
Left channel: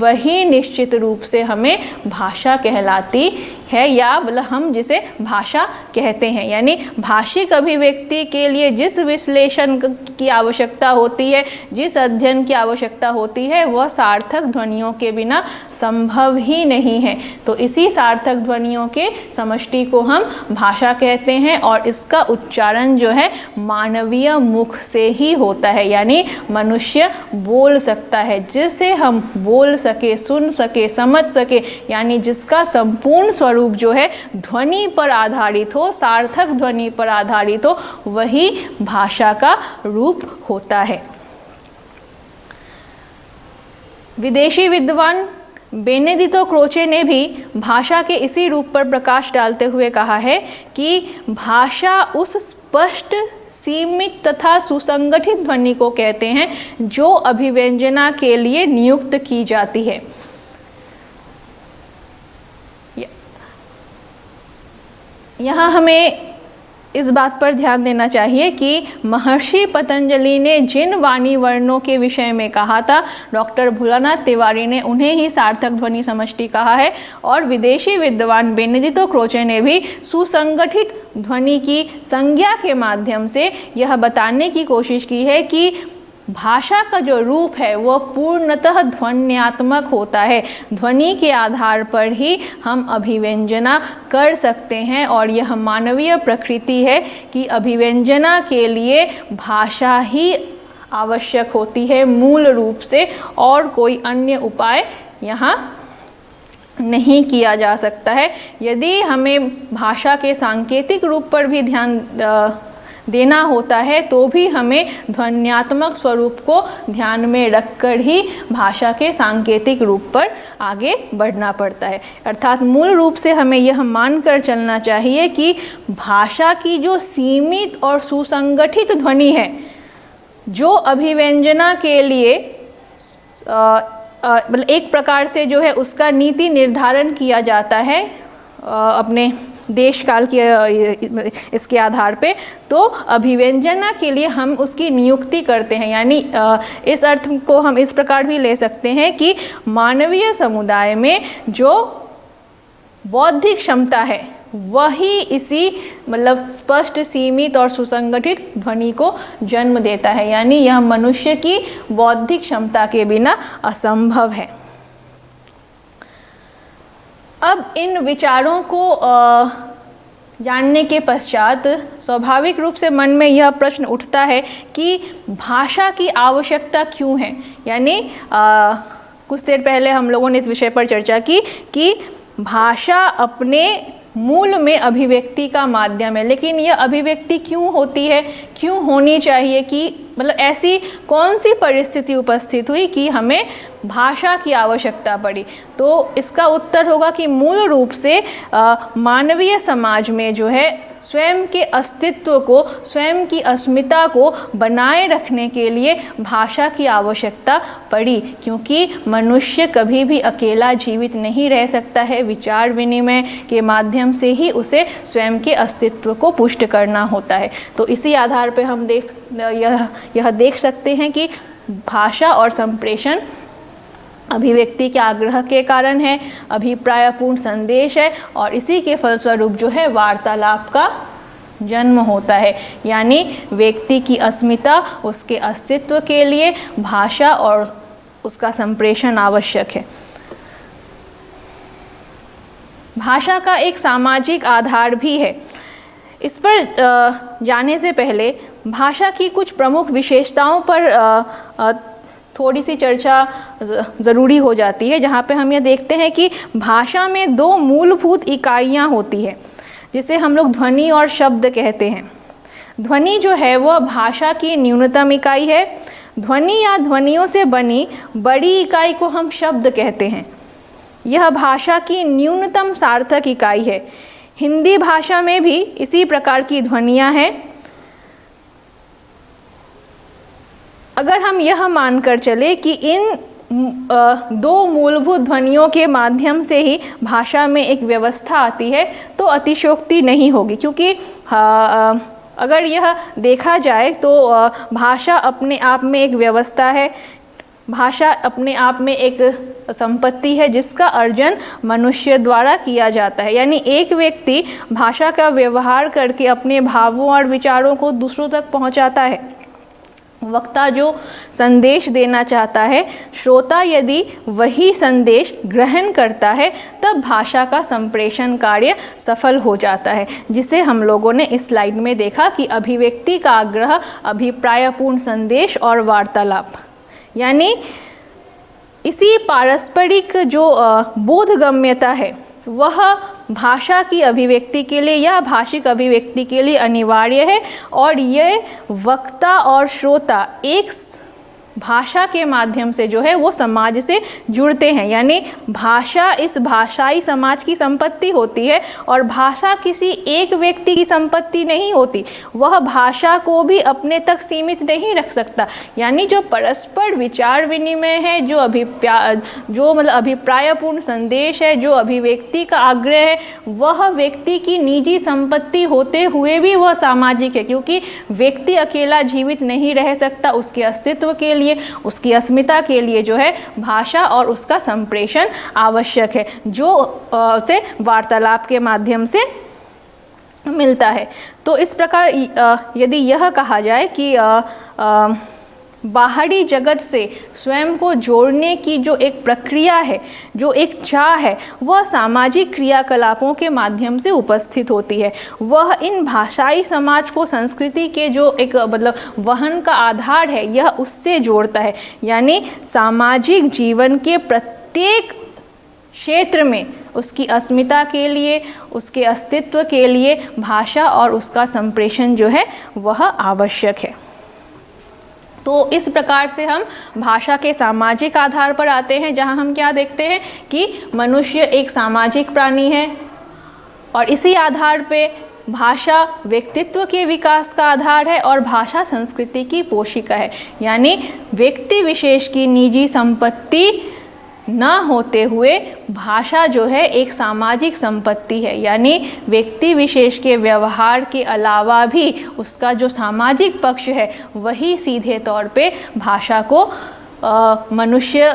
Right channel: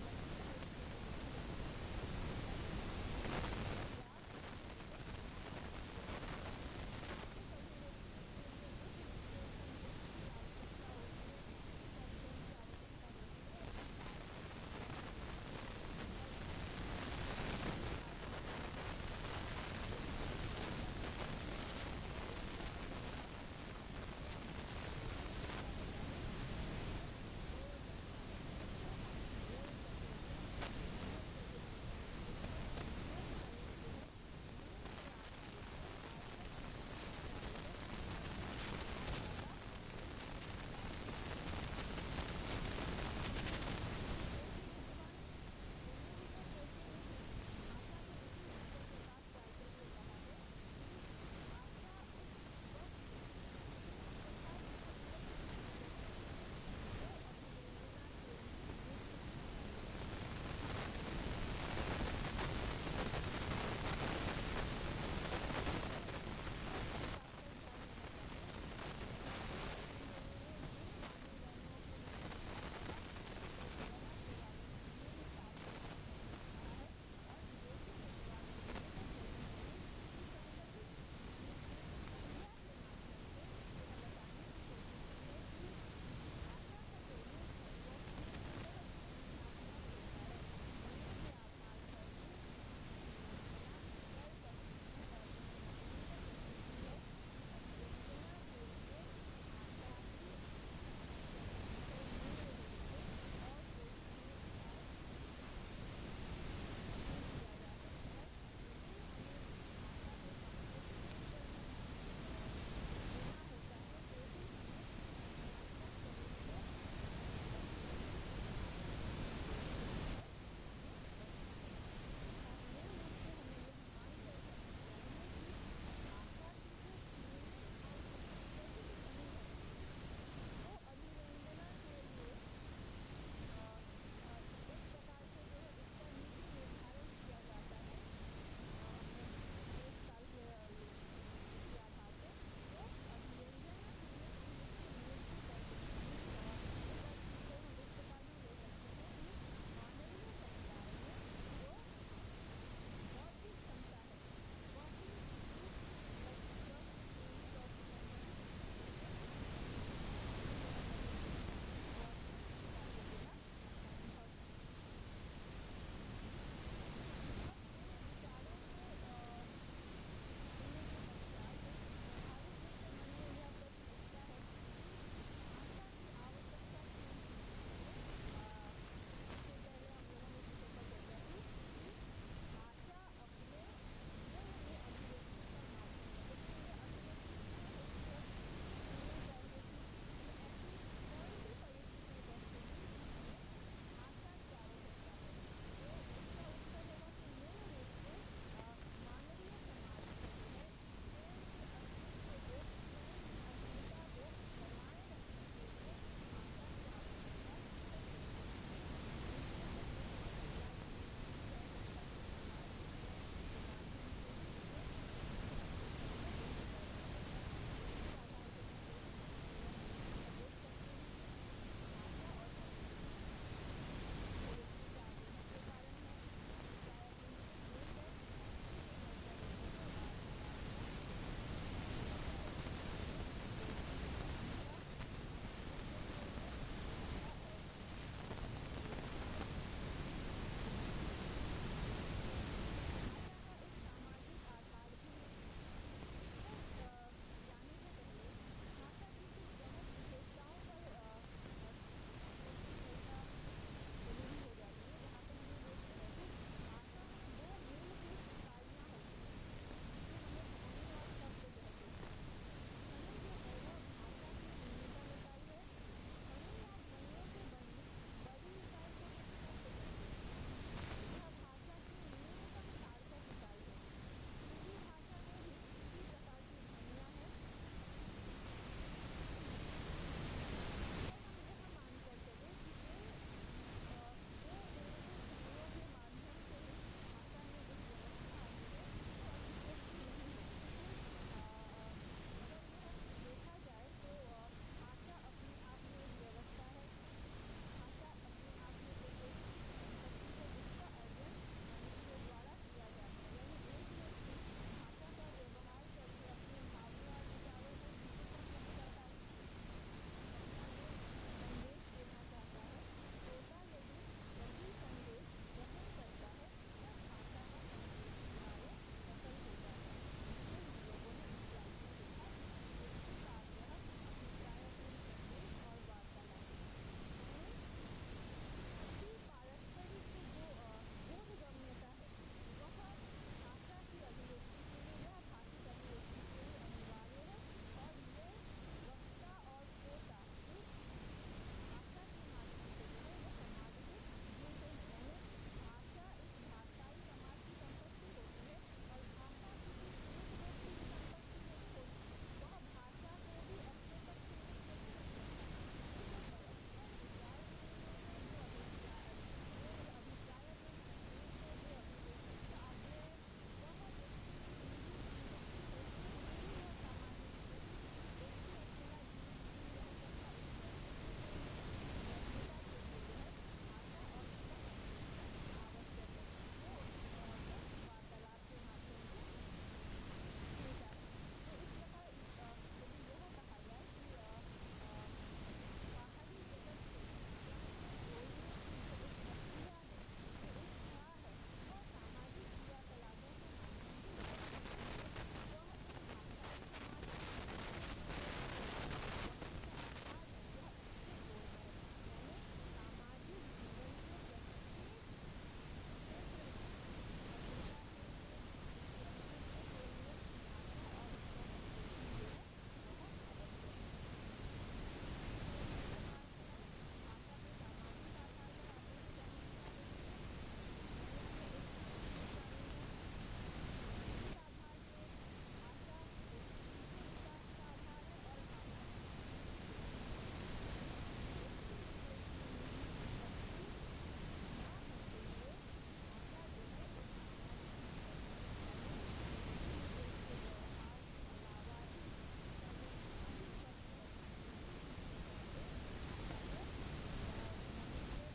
वही निश्चित रूप से हमें भाषा कहलाती है, या मतलब हम जिसे भाषा कहते हैं। यानी भाषिक अभिव्यक्ति के लिए जिस विश्लेषण की आवश्यकता होती है, जिस अध्ययन की आवश्यकता होती है, वह सार्थक ध्वनियों के बिना संभव ही नहीं है। तो इसी सार्थक ध्वनियों के समष्टि को हम भाषा कहते हैं, और इसका उच्चारण जो है मानवीय मुख से ही होता है। यानी मनुष्य बोल सकता है, जिसे हम बोल सके, सुन सके, समझ सके, यानी जिसका संपूर्ण स्वरूप जो है ध्वनि पर आधारित हो, सार्थक ध्वनि पर आधारित हो, वही भाषा का रूप होता है। विदेशी विद्वान बेनेडितो क्रोचे ने भी भाषा के इसी रूप पर प्रकाश डालते हुए कहा है कि भाषा उस स्पष्ट, सीमित तथा सुसंगठित ध्वनि को कहते हैं जो अभिव्यंजना के लिए नियुक्त की जाती है। यहाँ हमें इस बात पर ध्यान देना चाहिए कि महर्षि पतंजलि ने जिन वाणी वर्णों के विषय में कहा था, डॉक्टर भोलानाथ तिवारी ने उन्हें ही सार्थक ध्वनि समष्टि कहा है, और विदेशी विद्वान बेनेडितो क्रोचे ने भी सुसंगठित ध्वनि की संज्ञा के माध्यम से यह बताने की कोशिश की है कि भाषा का जो रूप है वह पूर्णतः ध्वन्यात्मक होता है। ध्वनि के आधार पर ही हम अभिव्यंजना कर सकते हैं, और यह मानवीय प्रकृति है कि अभिव्यंजना के लिए भाषा ही आवश्यक होती है मूल रूप से, और कोई अन्य उपाय यहाँ नहीं किया जा सकता है। यदि हमें भाषा के सांकेतिक रूप पर भी ध्यान देना होता है, तो भी हमें ध्वन्यात्मक स्वरूप को ध्यान में रखकर ही भाषा के सांकेतिक रूप पर आगे बढ़ना पड़ता है। अर्थात मूल रूप से हमें यह मानकर चलना चाहिए कि भाषा की जो सीमित और सुसंगठित ध्वनि है, जो अभिव्यंजना के लिए मतलब एक प्रकार से जो है उसका नीति निर्धारण किया जाता है अपने देश काल के इसके आधार पे, तो अभिव्यंजना के लिए हम उसकी नियुक्ति करते हैं। यानी इस अर्थ को हम इस प्रकार भी ले सकते हैं कि मानवीय समुदाय में जो बौद्धिक क्षमता है, वही इसी मतलब स्पष्ट, सीमित और सुसंगठित ध्वनि को जन्म देता है। यानी यह मनुष्य की बौद्धिक क्षमता के बिना असंभव है। अब इन विचारों को जानने के पश्चात स्वाभाविक रूप से मन में यह प्रश्न उठता है कि भाषा की आवश्यकता क्यों है। यानी कुछ देर पहले हम लोगों ने इस विषय पर चर्चा की कि भाषा अपने मूल में अभिव्यक्ति का माध्यम है, लेकिन यह अभिव्यक्ति क्यों होती है, क्यों होनी चाहिए, कि मतलब ऐसी कौन सी परिस्थिति उपस्थित हुई कि हमें भाषा की आवश्यकता पड़ी। तो इसका उत्तर होगा कि मूल रूप से मानवीय समाज में जो है स्वयं के अस्तित्व को, स्वयं की अस्मिता को बनाए रखने के लिए भाषा की आवश्यकता पड़ी, क्योंकि मनुष्य कभी भी अकेला जीवित नहीं रह सकता है। विचार विनिमय के माध्यम से ही उसे स्वयं के अस्तित्व को पुष्ट करना होता है। तो इसी आधार पर हम यह देख सकते हैं कि भाषा और संप्रेषण अभिव्यक्ति के आग्रह के कारण है, अभिप्रायपूर्ण संदेश है, और इसी के फलस्वरूप जो है वार्तालाप का जन्म होता है। यानी व्यक्ति की अस्मिता, उसके अस्तित्व के लिए भाषा और उसका संप्रेषण आवश्यक है। भाषा का एक सामाजिक आधार भी है। इस पर जाने से पहले भाषा की कुछ प्रमुख विशेषताओं पर थोड़ी सी चर्चा ज़रूरी हो जाती है, जहाँ पे हम यह देखते हैं कि भाषा में दो मूलभूत इकाइयाँ होती है, जिसे हम लोग ध्वनि और शब्द कहते हैं। ध्वनि जो है वह भाषा की न्यूनतम इकाई है। ध्वनि या ध्वनियों से बनी बड़ी इकाई को हम शब्द कहते हैं। यह भाषा की न्यूनतम सार्थक इकाई है। हिंदी भाषा में भी इसी प्रकार की ध्वनियाँ हैं। अगर हम यह मानकर चले कि इन दो मूलभूत ध्वनियों के माध्यम से ही भाषा में एक व्यवस्था आती है तो अतिशयोक्ति नहीं होगी, क्योंकि अगर यह देखा जाए तो भाषा अपने आप में एक व्यवस्था है, भाषा अपने आप में एक संपत्ति है जिसका अर्जन मनुष्य द्वारा किया जाता है। यानी एक व्यक्ति भाषा का व्यवहार करके अपने भावों और विचारों को दूसरों तक पहुंचाता है। वक्ता जो संदेश देना चाहता है, श्रोता यदि वही संदेश ग्रहण करता है, तब भाषा का संप्रेषण कार्य सफल हो जाता है, जिसे हम लोगों ने इस स्लाइड में देखा कि अभिव्यक्ति का आग्रह, अभिप्रायपूर्ण संदेश और वार्तालाप। यानी इसी पारस्परिक जो बोधगम्यता है वह भाषा की अभिव्यक्ति के लिए या भाषिक अभिव्यक्ति के लिए अनिवार्य है, और ये वक्ता और श्रोता एक भाषा के माध्यम से जो है वो समाज से जुड़ते हैं। यानी भाषा इस भाषाई समाज की संपत्ति होती है और भाषा किसी एक व्यक्ति की संपत्ति नहीं होती, वह भाषा को भी अपने तक सीमित नहीं रख सकता। यानी जो परस्पर विचार विनिमय है, जो मतलब अभिप्रायपूर्ण संदेश है, जो अभिव्यक्ति का आग्रह है, वह व्यक्ति की निजी संपत्ति होते हुए भी वह सामाजिक है, क्योंकि व्यक्ति अकेला जीवित नहीं रह सकता। उसके अस्तित्व के लिए, उसकी अस्मिता के लिए जो है भाषा और उसका संप्रेषण आवश्यक है, जो उसे वार्तालाप के माध्यम से मिलता है। तो इस प्रकार यदि यह कहा जाए कि बाहरी जगत से स्वयं को जोड़ने की जो एक प्रक्रिया है, जो एक चाह है, वह सामाजिक क्रियाकलापों के माध्यम से उपस्थित होती है। वह इन भाषाई समाज को संस्कृति के जो एक मतलब वहन का आधार है, यह उससे जोड़ता है। यानी सामाजिक जीवन के प्रत्येक क्षेत्र में उसकी अस्मिता के लिए, उसके अस्तित्व के लिए भाषा और उसका संप्रेषण जो है वह आवश्यक है। तो इस प्रकार से हम भाषा के सामाजिक आधार पर आते हैं, जहां हम क्या देखते हैं कि मनुष्य एक सामाजिक प्राणी है और इसी आधार पे भाषा व्यक्तित्व के विकास का आधार है और भाषा संस्कृति की पोषिका है। यानी व्यक्ति विशेष की निजी संपत्ति न होते हुए भाषा जो है एक सामाजिक संपत्ति है। यानी व्यक्ति विशेष के व्यवहार के अलावा भी उसका जो सामाजिक पक्ष है वही सीधे तौर पे भाषा को मनुष्य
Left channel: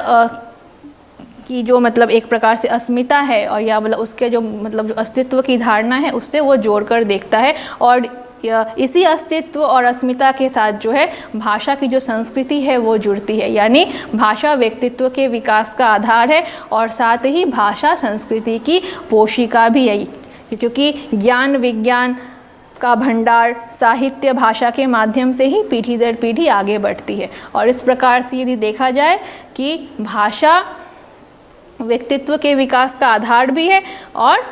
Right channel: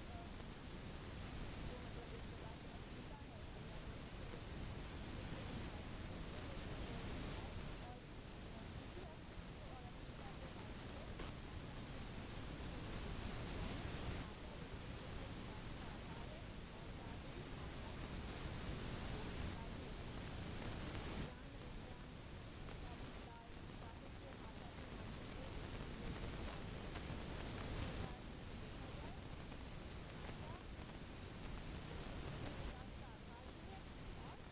की जो मतलब एक प्रकार से अस्मिता है और या मतलब उसके जो मतलब जो अस्तित्व की धारणा है उससे वो जोड़कर देखता है। और इसी अस्तित्व और अस्मिता के साथ जो है भाषा की जो संस्कृति है वो जुड़ती है। यानी भाषा व्यक्तित्व के विकास का आधार है और साथ ही भाषा संस्कृति की पोषिका भी है, क्योंकि ज्ञान विज्ञान का भंडार साहित्य भाषा के माध्यम से ही पीढ़ी दर पीढ़ी आगे बढ़ती है। और इस प्रकार से यदि देखा जाए कि भाषा व्यक्तित्व के विकास का आधार भी है और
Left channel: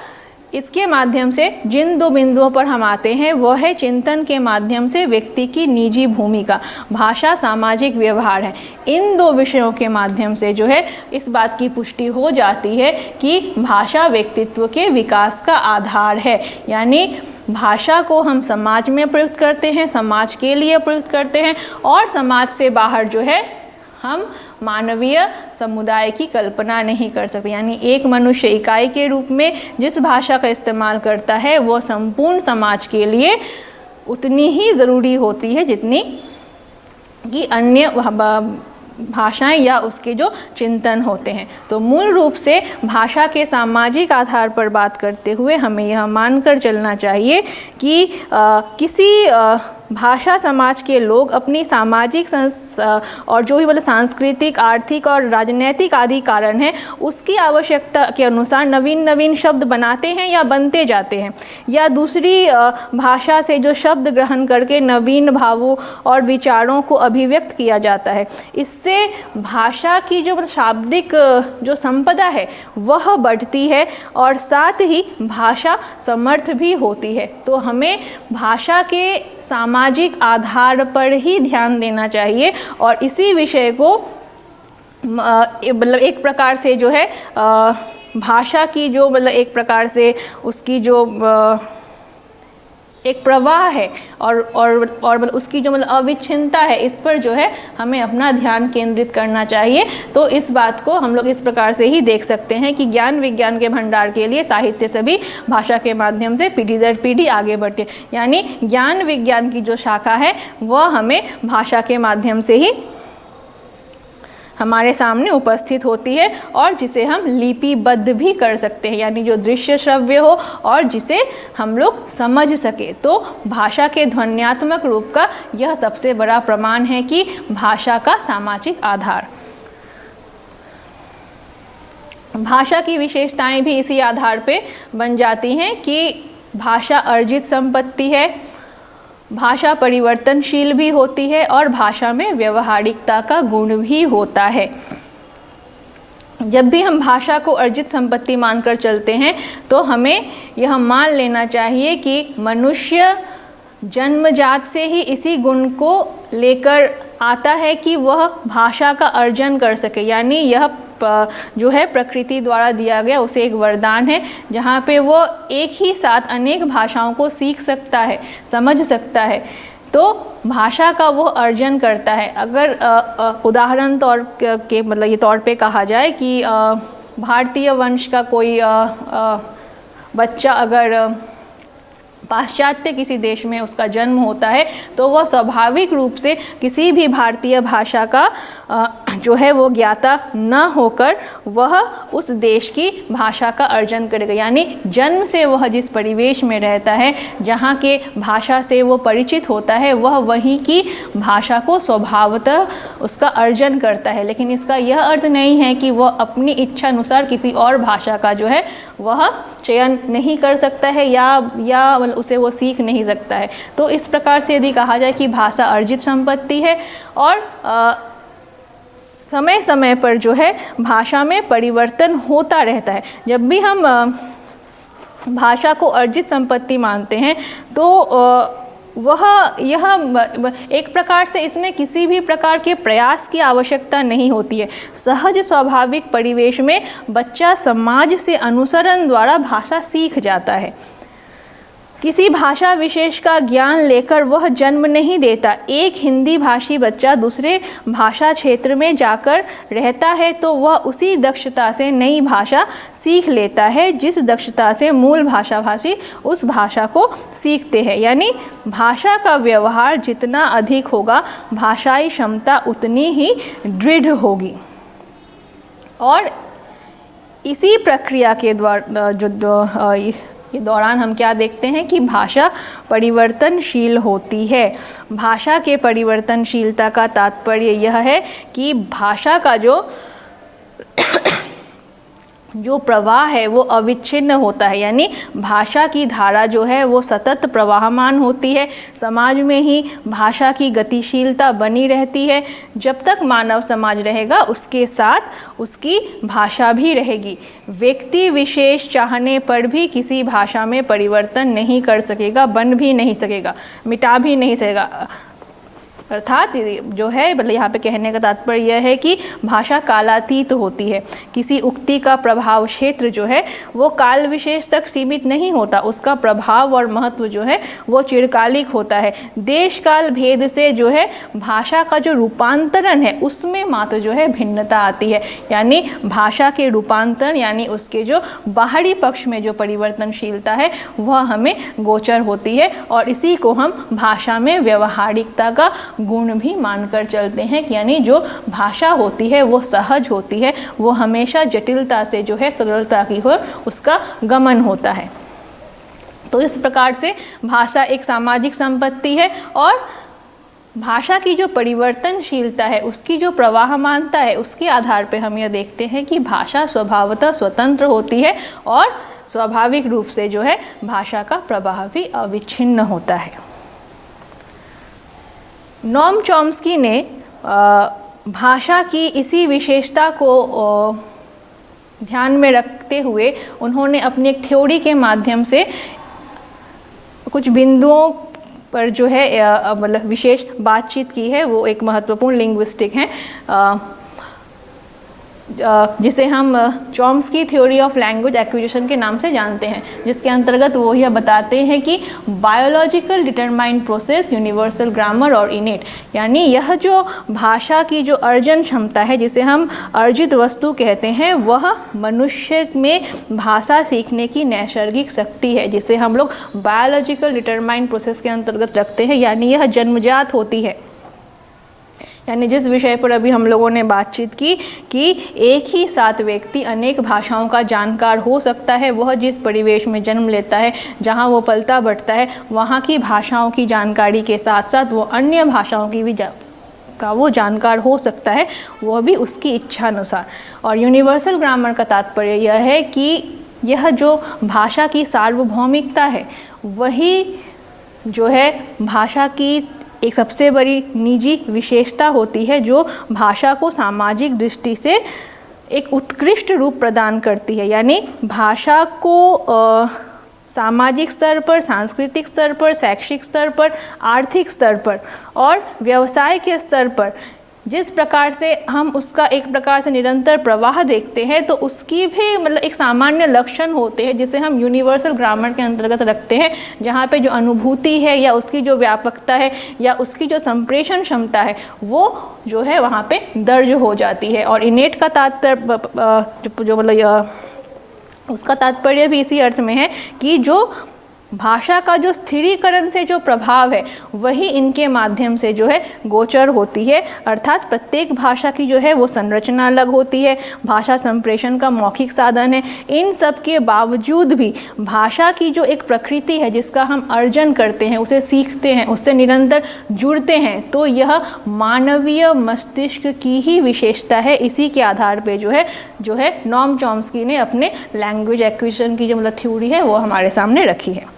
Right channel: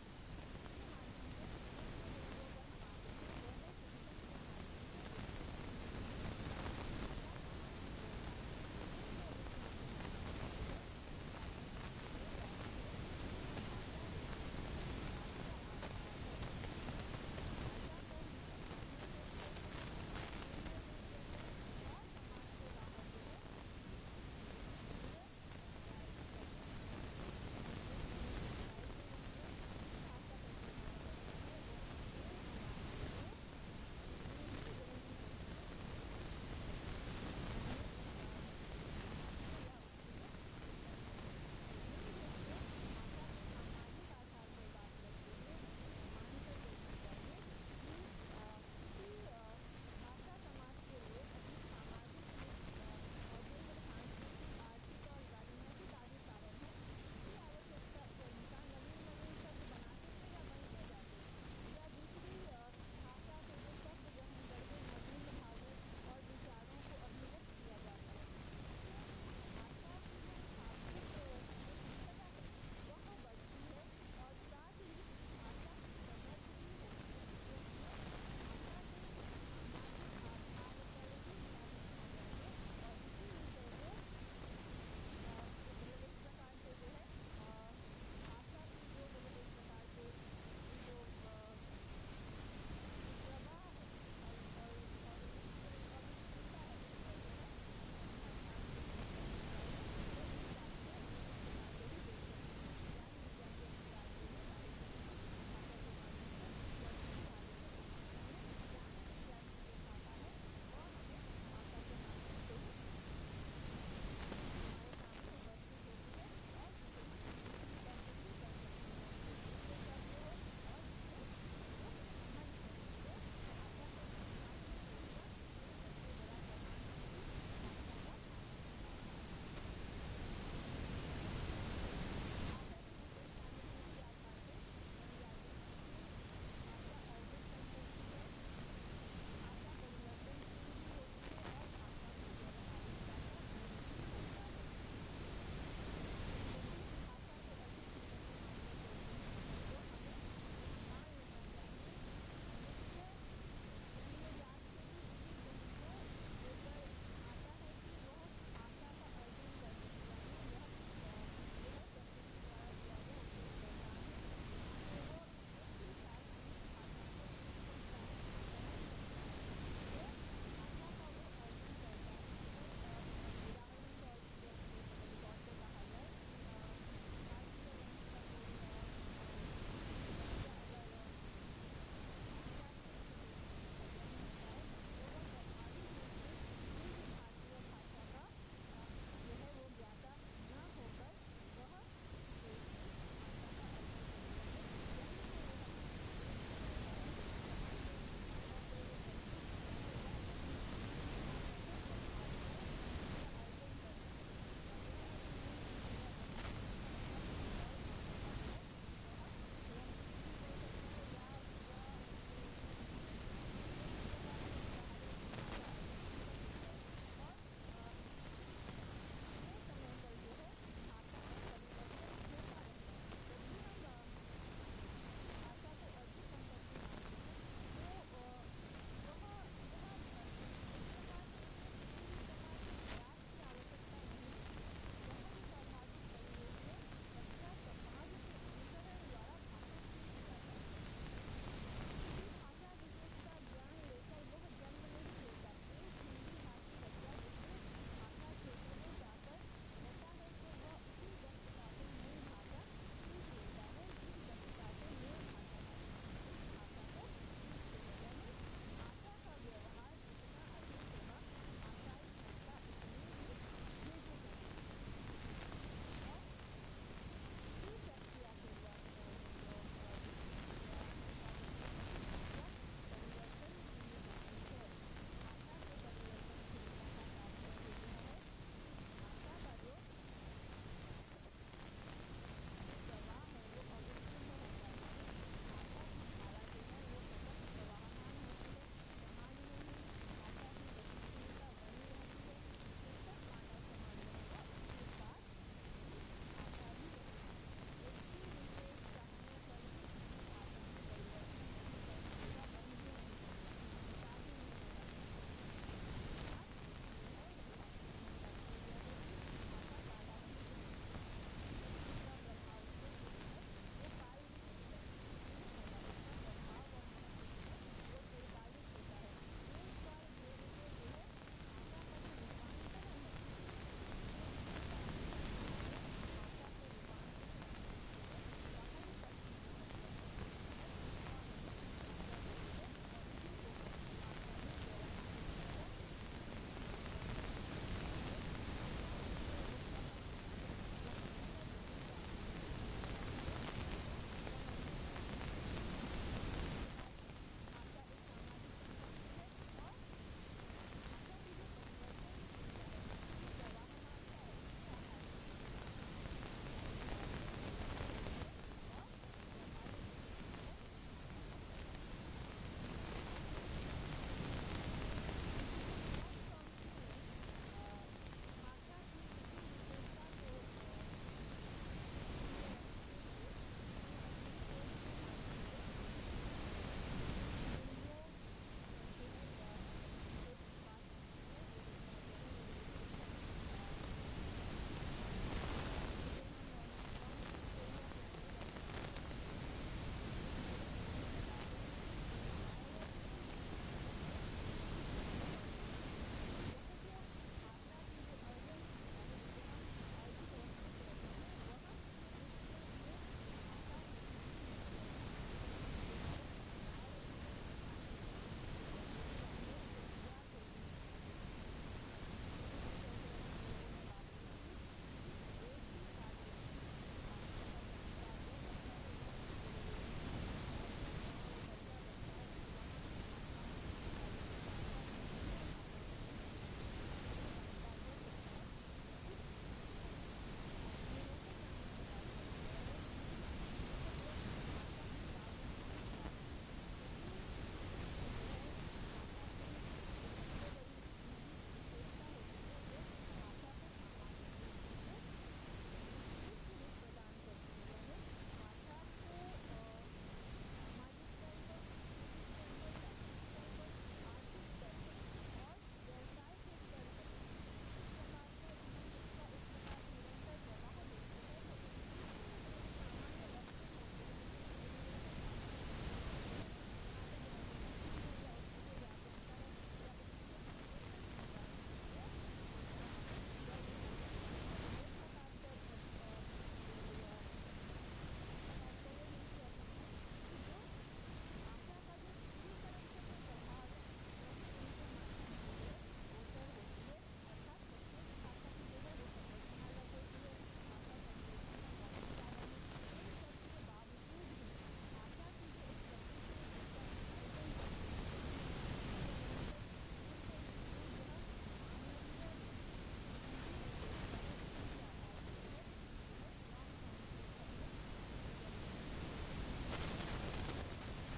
इसके माध्यम से जिन दो बिंदुओं पर हम आते हैं वह है चिंतन के माध्यम से व्यक्ति की निजी भूमिका, भाषा सामाजिक व्यवहार है। इन दो विषयों के माध्यम से जो है इस बात की पुष्टि हो जाती है कि भाषा व्यक्तित्व के विकास का आधार है। यानी भाषा को हम समाज में प्रयुक्त करते हैं, समाज के लिए प्रयुक्त करते हैं और समाज से बाहर जो है हम मानवीय समुदाय की कल्पना नहीं कर सकते। यानी एक मनुष्य इकाई के रूप में जिस भाषा का इस्तेमाल करता है वो संपूर्ण समाज के लिए उतनी ही ज़रूरी होती है जितनी कि अन्य भाषाएं या उसके जो चिंतन होते हैं। तो मूल रूप से भाषा के सामाजिक आधार पर बात करते हुए हमें यह मानकर चलना चाहिए कि किसी भाषा समाज के लोग अपनी सामाजिक और जो भी मतलब सांस्कृतिक, आर्थिक और राजनीतिक आदि कारण हैं उसकी आवश्यकता के अनुसार नवीन नवीन शब्द बनाते हैं या बनते जाते हैं, या दूसरी भाषा से जो शब्द ग्रहण करके नवीन भावों और विचारों को अभिव्यक्त किया जाता है। इससे भाषा की जो शाब्दिक जो संपदा है वह बढ़ती है और साथ ही भाषा समर्थ भी होती है। तो हमें भाषा के सामाजिक आधार पर ही ध्यान देना चाहिए और इसी विषय को मतलब एक प्रकार से जो है भाषा की जो मतलब एक प्रकार से उसकी जो एक प्रवाह है और मतलब उसकी जो मतलब अविच्छिन्नता है, इस पर जो है हमें अपना ध्यान केंद्रित करना चाहिए। तो इस बात को हम लोग इस प्रकार से ही देख सकते हैं कि ज्ञान विज्ञान के भंडार के लिए साहित्य सभी भाषा के माध्यम से पीढ़ी दर पीढ़ी आगे बढ़ते, यानी ज्ञान विज्ञान की जो शाखा है वह हमें भाषा के माध्यम से ही हमारे सामने उपस्थित होती है और जिसे हम लिपिबद्ध भी कर सकते हैं, यानी जो दृश्य श्रव्य हो और जिसे हम लोग समझ सके। तो भाषा के ध्वन्यात्मक रूप का यह सबसे बड़ा प्रमाण है कि भाषा का सामाजिक आधार। भाषा की विशेषताएं भी इसी आधार पे बन जाती हैं कि भाषा अर्जित संपत्ति है, भाषा परिवर्तनशील भी होती है और भाषा में व्यवहारिकता का गुण भी होता है। जब भी हम भाषा को अर्जित संपत्ति मानकर चलते हैं तो हमें यह मान लेना चाहिए कि मनुष्य जन्मजात से ही इसी गुण को लेकर आता है कि वह भाषा का अर्जन कर सके, यानी यह जो है प्रकृति द्वारा दिया गया उसे एक वरदान है, जहाँ पे वो एक ही साथ अनेक भाषाओं को सीख सकता है, समझ सकता है। तो भाषा का वो अर्जन करता है। अगर उदाहरण तौर के मतलब ये तौर पे कहा जाए कि भारतीय वंश का कोई बच्चा अगर पाश्चात्य किसी देश में उसका जन्म होता है तो वह स्वाभाविक रूप से किसी भी भारतीय भाषा का जो है वो ज्ञाता न होकर वह उस देश की भाषा का अर्जन करेगा, यानी जन्म से वह जिस परिवेश में रहता है, जहाँ के भाषा से वो परिचित होता है, वह वहीं की भाषा को स्वभावतः उसका अर्जन करता है। लेकिन इसका यह अर्थ नहीं है कि वह अपनी इच्छा अनुसार किसी और भाषा का जो है वह चयन नहीं कर सकता है या उसे वो सीख नहीं सकता है। तो इस प्रकार से यदि कहा जाए कि भाषा अर्जित संपत्ति है और समय समय पर जो है भाषा में परिवर्तन होता रहता है। जब भी हम भाषा को अर्जित संपत्ति मानते हैं तो यह एक प्रकार से इसमें किसी भी प्रकार के प्रयास की आवश्यकता नहीं होती है। सहज स्वाभाविक परिवेश में बच्चा समाज से अनुसरण द्वारा भाषा सीख जाता है। किसी भाषा विशेष का ज्ञान लेकर वह जन्म नहीं देता। एक हिंदी भाषी बच्चा दूसरे भाषा क्षेत्र में जाकर रहता है तो वह उसी दक्षता से नई भाषा सीख लेता है जिस दक्षता से मूल भाषाभाषी उस भाषा को सीखते हैं। यानी भाषा का व्यवहार जितना अधिक होगा, भाषाई क्षमता उतनी ही दृढ़ होगी। और इसी प्रक्रिया के द्वारा ये दौरान हम क्या देखते हैं कि भाषा परिवर्तनशील होती है। भाषा के परिवर्तनशीलता का तात्पर्य यह है कि भाषा का जो प्रवाह है वो अविच्छिन्न होता है, यानी भाषा की धारा जो है वो सतत प्रवाहमान होती है। समाज में ही भाषा की गतिशीलता बनी रहती है। जब तक मानव समाज रहेगा उसके साथ उसकी भाषा भी रहेगी। व्यक्ति विशेष चाहने पर भी किसी भाषा में परिवर्तन नहीं कर सकेगा, बन भी नहीं सकेगा, मिटा भी नहीं सकेगा। अर्थात जो है मतलब यहाँ पे कहने का तात्पर्य यह है कि भाषा कालातीत होती है। किसी उक्ति का प्रभाव क्षेत्र जो है वो काल विशेष तक सीमित नहीं होता, उसका प्रभाव और महत्व जो है वो चिरकालिक होता है। देश काल भेद से जो है भाषा का जो रूपांतरण है उसमें मात्र जो है भिन्नता आती है, यानी भाषा के रूपांतरण यानी उसके जो बाहरी पक्ष में जो परिवर्तनशीलता है वह हमें गोचर होती है। और इसी को हम भाषा में व्यवहारिकता का गुण भी मानकर चलते हैं, यानी जो भाषा होती है वो सहज होती है, वो हमेशा जटिलता से जो है सरलता की ओर उसका गमन होता है। तो इस प्रकार से भाषा एक सामाजिक संपत्ति है और भाषा की जो परिवर्तनशीलता है, उसकी जो प्रवाहमानता है, उसके आधार पर हम यह देखते हैं कि भाषा स्वभावतः स्वतंत्र होती है और स्वाभाविक रूप से जो है भाषा का प्रवाह भी अविच्छिन्न होता है। नोम चॉम्स्की ने भाषा की इसी विशेषता को ध्यान में रखते हुए उन्होंने अपनी एक थ्योरी के माध्यम से कुछ बिंदुओं पर जो है मतलब विशेष बातचीत की है। वो एक महत्वपूर्ण लिंग्विस्टिक हैं। जिसे हम Chomsky theory of language acquisition के नाम से जानते हैं, जिसके अंतर्गत वो यह बताते हैं कि biological determined process, universal grammar और इनेट, यानी यह जो भाषा की जो अर्जन क्षमता है, जिसे हम अर्जित वस्तु कहते हैं, वह मनुष्य में भाषा सीखने की नैसर्गिक शक्ति है, जिसे हम लोग बायोलॉजिकल डिटरमाइंड प्रोसेस के अंतर्गत रखते हैं, यानी यह जन्मजात होती है। यानी जिस विषय पर अभी हम लोगों ने बातचीत की कि एक ही साथ व्यक्ति अनेक भाषाओं का जानकार हो सकता है, वह जिस परिवेश में जन्म लेता है, जहाँ वो पलता बढ़ता है, वहाँ की भाषाओं की जानकारी के साथ साथ वो अन्य भाषाओं की भी का वो जानकार हो सकता है, वह भी उसकी इच्छा अनुसार। और यूनिवर्सल ग्रामर का तात्पर्य यह है कि यह जो भाषा की सार्वभौमिकता है, वही जो है भाषा की एक सबसे बड़ी निजी विशेषता होती है, जो भाषा को सामाजिक दृष्टि से एक उत्कृष्ट रूप प्रदान करती है। यानी भाषा को सामाजिक स्तर पर, सांस्कृतिक स्तर पर, शैक्षिक स्तर पर, आर्थिक स्तर पर और व्यवसाय के स्तर पर जिस प्रकार से हम उसका एक प्रकार से निरंतर प्रवाह देखते हैं, तो उसकी भी मतलब एक सामान्य लक्षण होते हैं, जिसे हम यूनिवर्सल ग्रामर के अंतर्गत रखते हैं, जहाँ पे जो अनुभूति है या उसकी जो व्यापकता है या उसकी जो संप्रेषण क्षमता है, वो जो है वहाँ पे दर्ज हो जाती है। और इनेट का तात्पर्य जो मतलब उसका तात्पर्य भी इसी अर्थ में है कि जो भाषा का जो स्थिरीकरण से जो प्रभाव है, वही इनके माध्यम से जो है गोचर होती है। अर्थात प्रत्येक भाषा की जो है वो संरचना अलग होती है, भाषा संप्रेषण का मौखिक साधन है। इन सब के बावजूद भी भाषा की जो एक प्रकृति है, जिसका हम अर्जन करते हैं, उसे सीखते हैं, उससे निरंतर जुड़ते हैं, तो यह मानवीय मस्तिष्क की ही विशेषता है। इसी के आधार पे जो है नॉम चॉम्स्की ने अपने लैंग्वेज एक्विजिशन की जो मतलब थ्योरी है वो हमारे सामने रखी है।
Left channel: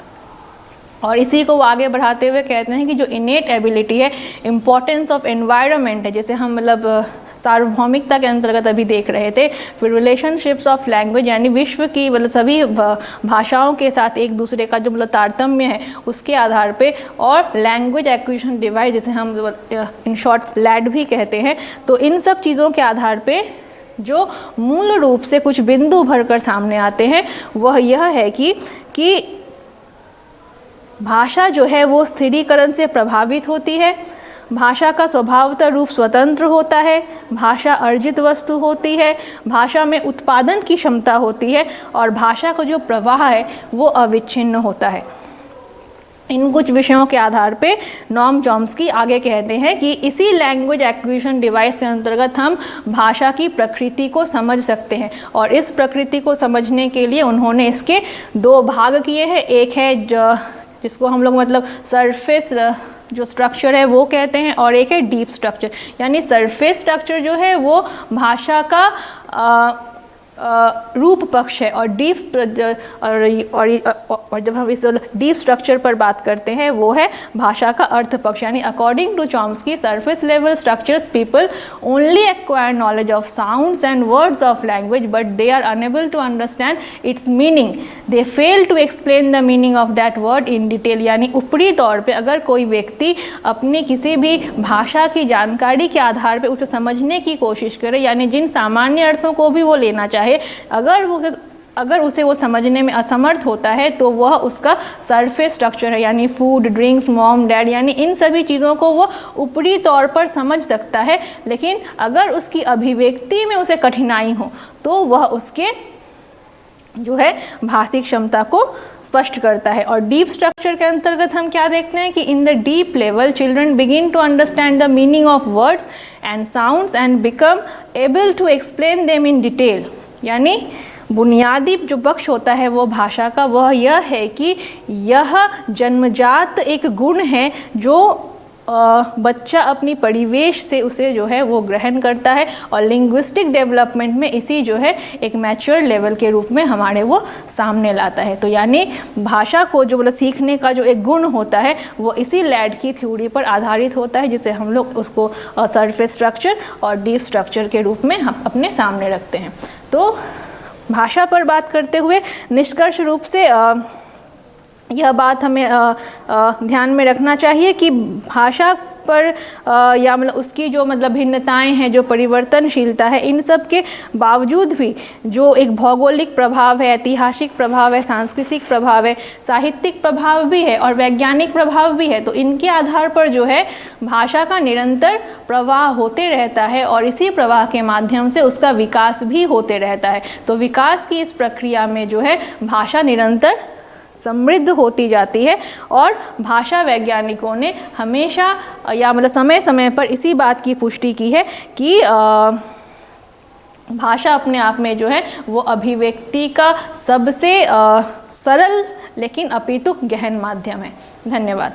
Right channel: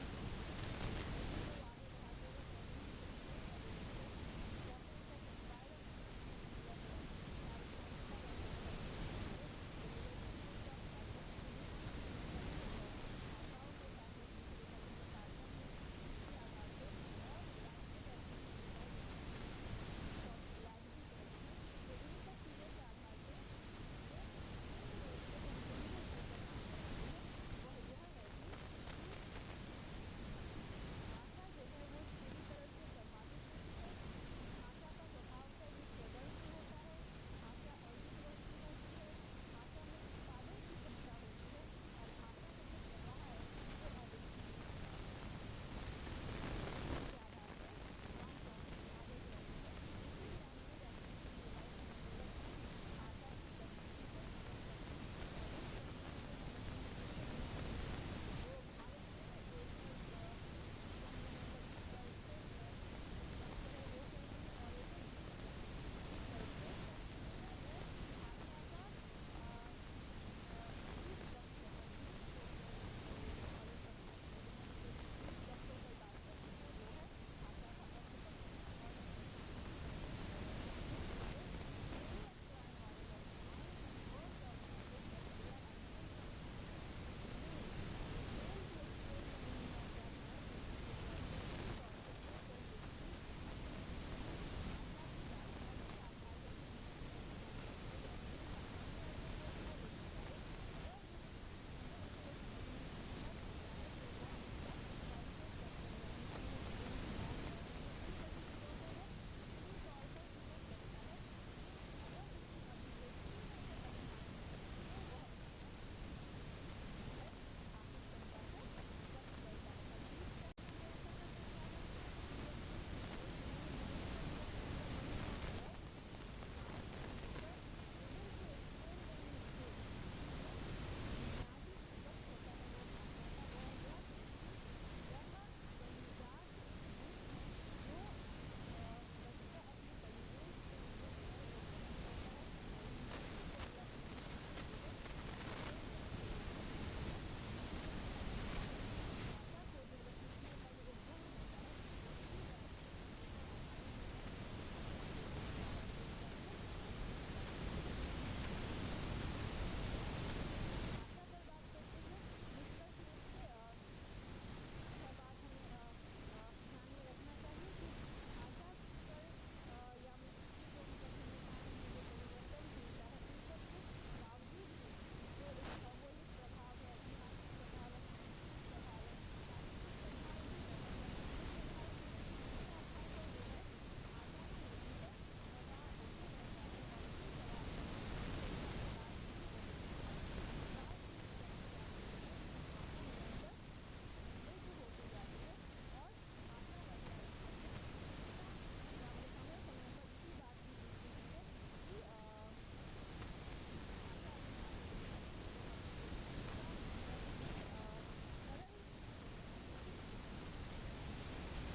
और इसी को वो आगे बढ़ाते हुए कहते हैं कि जो इनेट एबिलिटी है, इम्पोर्टेंस ऑफ एनवायरनमेंट है, जैसे हम मतलब सार्वभौमिकता के अंतर्गत अभी देख रहे थे, फिर रिलेशनशिप्स ऑफ लैंग्वेज, यानी विश्व की मतलब सभी भाषाओं के साथ एक दूसरे का जो मतलब तारतम्य है, उसके आधार पे, और लैंग्वेज एक्विजिशन डिवाइस, जिसे हम इन शॉर्ट लैड भी कहते हैं। तो इन सब चीज़ों के आधार पे जो मूल रूप से कुछ बिंदु भरकर सामने आते हैं, वह यह है कि भाषा जो है वो स्थिरीकरण से प्रभावित होती है, भाषा का स्वभावतः रूप स्वतंत्र होता है, भाषा अर्जित वस्तु होती है, भाषा में उत्पादन की क्षमता होती है, और भाषा का जो प्रवाह है वो अविच्छिन्न होता है। इन कुछ विषयों के आधार पे नॉम चॉम्स्की आगे कहते हैं कि इसी लैंग्वेज एक्विजिशन डिवाइस के अंतर्गत हम भाषा की प्रकृति को समझ सकते हैं। और इस प्रकृति को समझने के लिए उन्होंने इसके दो भाग किए हैं। एक है जिसको हम लोग मतलब सरफेस जो स्ट्रक्चर है वो कहते हैं, और एक है डीप स्ट्रक्चर। यानी सरफेस स्ट्रक्चर जो है वो भाषा का रूप पक्ष है, और डीप और जब हम इस डीप स्ट्रक्चर पर बात करते हैं वो है भाषा का अर्थ पक्ष। यानी according to Chomsky, surface level structures people only acquire knowledge of sounds and words of language, but they are unable to understand its meaning, they fail to explain the meaning of that word in detail. यानी ऊपरी तौर पे अगर कोई व्यक्ति अपनी किसी भी भाषा की जानकारी के आधार पर उसे समझने की कोशिश करे, यानी जिन सामान्य अर्थों को भी वो लेना चाहे, अगर उसे वो समझने में असमर्थ होता है, तो वह उसका सरफेस स्ट्रक्चर है। यानी फूड, ड्रिंक्स, मॉम, डैड, यानी इन सभी चीज़ों को वो ऊपरी तौर पर समझ सकता है, लेकिन अगर उसकी अभिव्यक्ति में उसे कठिनाई हो तो वह उसके जो है भाषिक क्षमता को स्पष्ट करता है। और डीप स्ट्रक्चर के अंतर्गत हम क्या देखते हैं कि in the deep level children begin to understand the meaning of words and sounds and become able to explain them in detail. यानी बुनियादी जो पक्ष होता है वो भाषा का, वह यह है कि यह जन्मजात एक गुण है जो बच्चा अपनी परिवेश से उसे जो है वो ग्रहण करता है, और लिंग्विस्टिक डेवलपमेंट में इसी जो है एक मैच्योर लेवल के रूप में हमारे वो सामने लाता है। तो यानी भाषा को जो मतलब सीखने का जो एक गुण होता है वो इसी लैड की थ्योरी पर आधारित होता है, जिसे हम लोग उसको सरफेस स्ट्रक्चर और डीप स्ट्रक्चर के रूप में हम अपने सामने रखते हैं। तो भाषा पर बात करते हुए निष्कर्ष रूप से यह बात हमें ध्यान में रखना चाहिए कि भाषा पर या मतलब उसकी जो मतलब भिन्नताएं हैं, जो परिवर्तनशीलता है, इन सब के बावजूद भी जो एक भौगोलिक प्रभाव है, ऐतिहासिक प्रभाव है, सांस्कृतिक प्रभाव है, साहित्यिक प्रभाव भी है और वैज्ञानिक प्रभाव भी है, तो इनके आधार पर जो है भाषा का निरंतर प्रवाह होते रहता है और इसी प्रवाह के माध्यम से उसका विकास भी होते रहता है। तो विकास की इस प्रक्रिया में जो है भाषा निरंतर समृद्ध होती जाती है और भाषा वैज्ञानिकों ने हमेशा या मतलब समय समय पर इसी बात की पुष्टि की है कि भाषा अपने आप में जो है वो अभिव्यक्ति का सबसे सरल लेकिन अपितु गहन माध्यम है। धन्यवाद।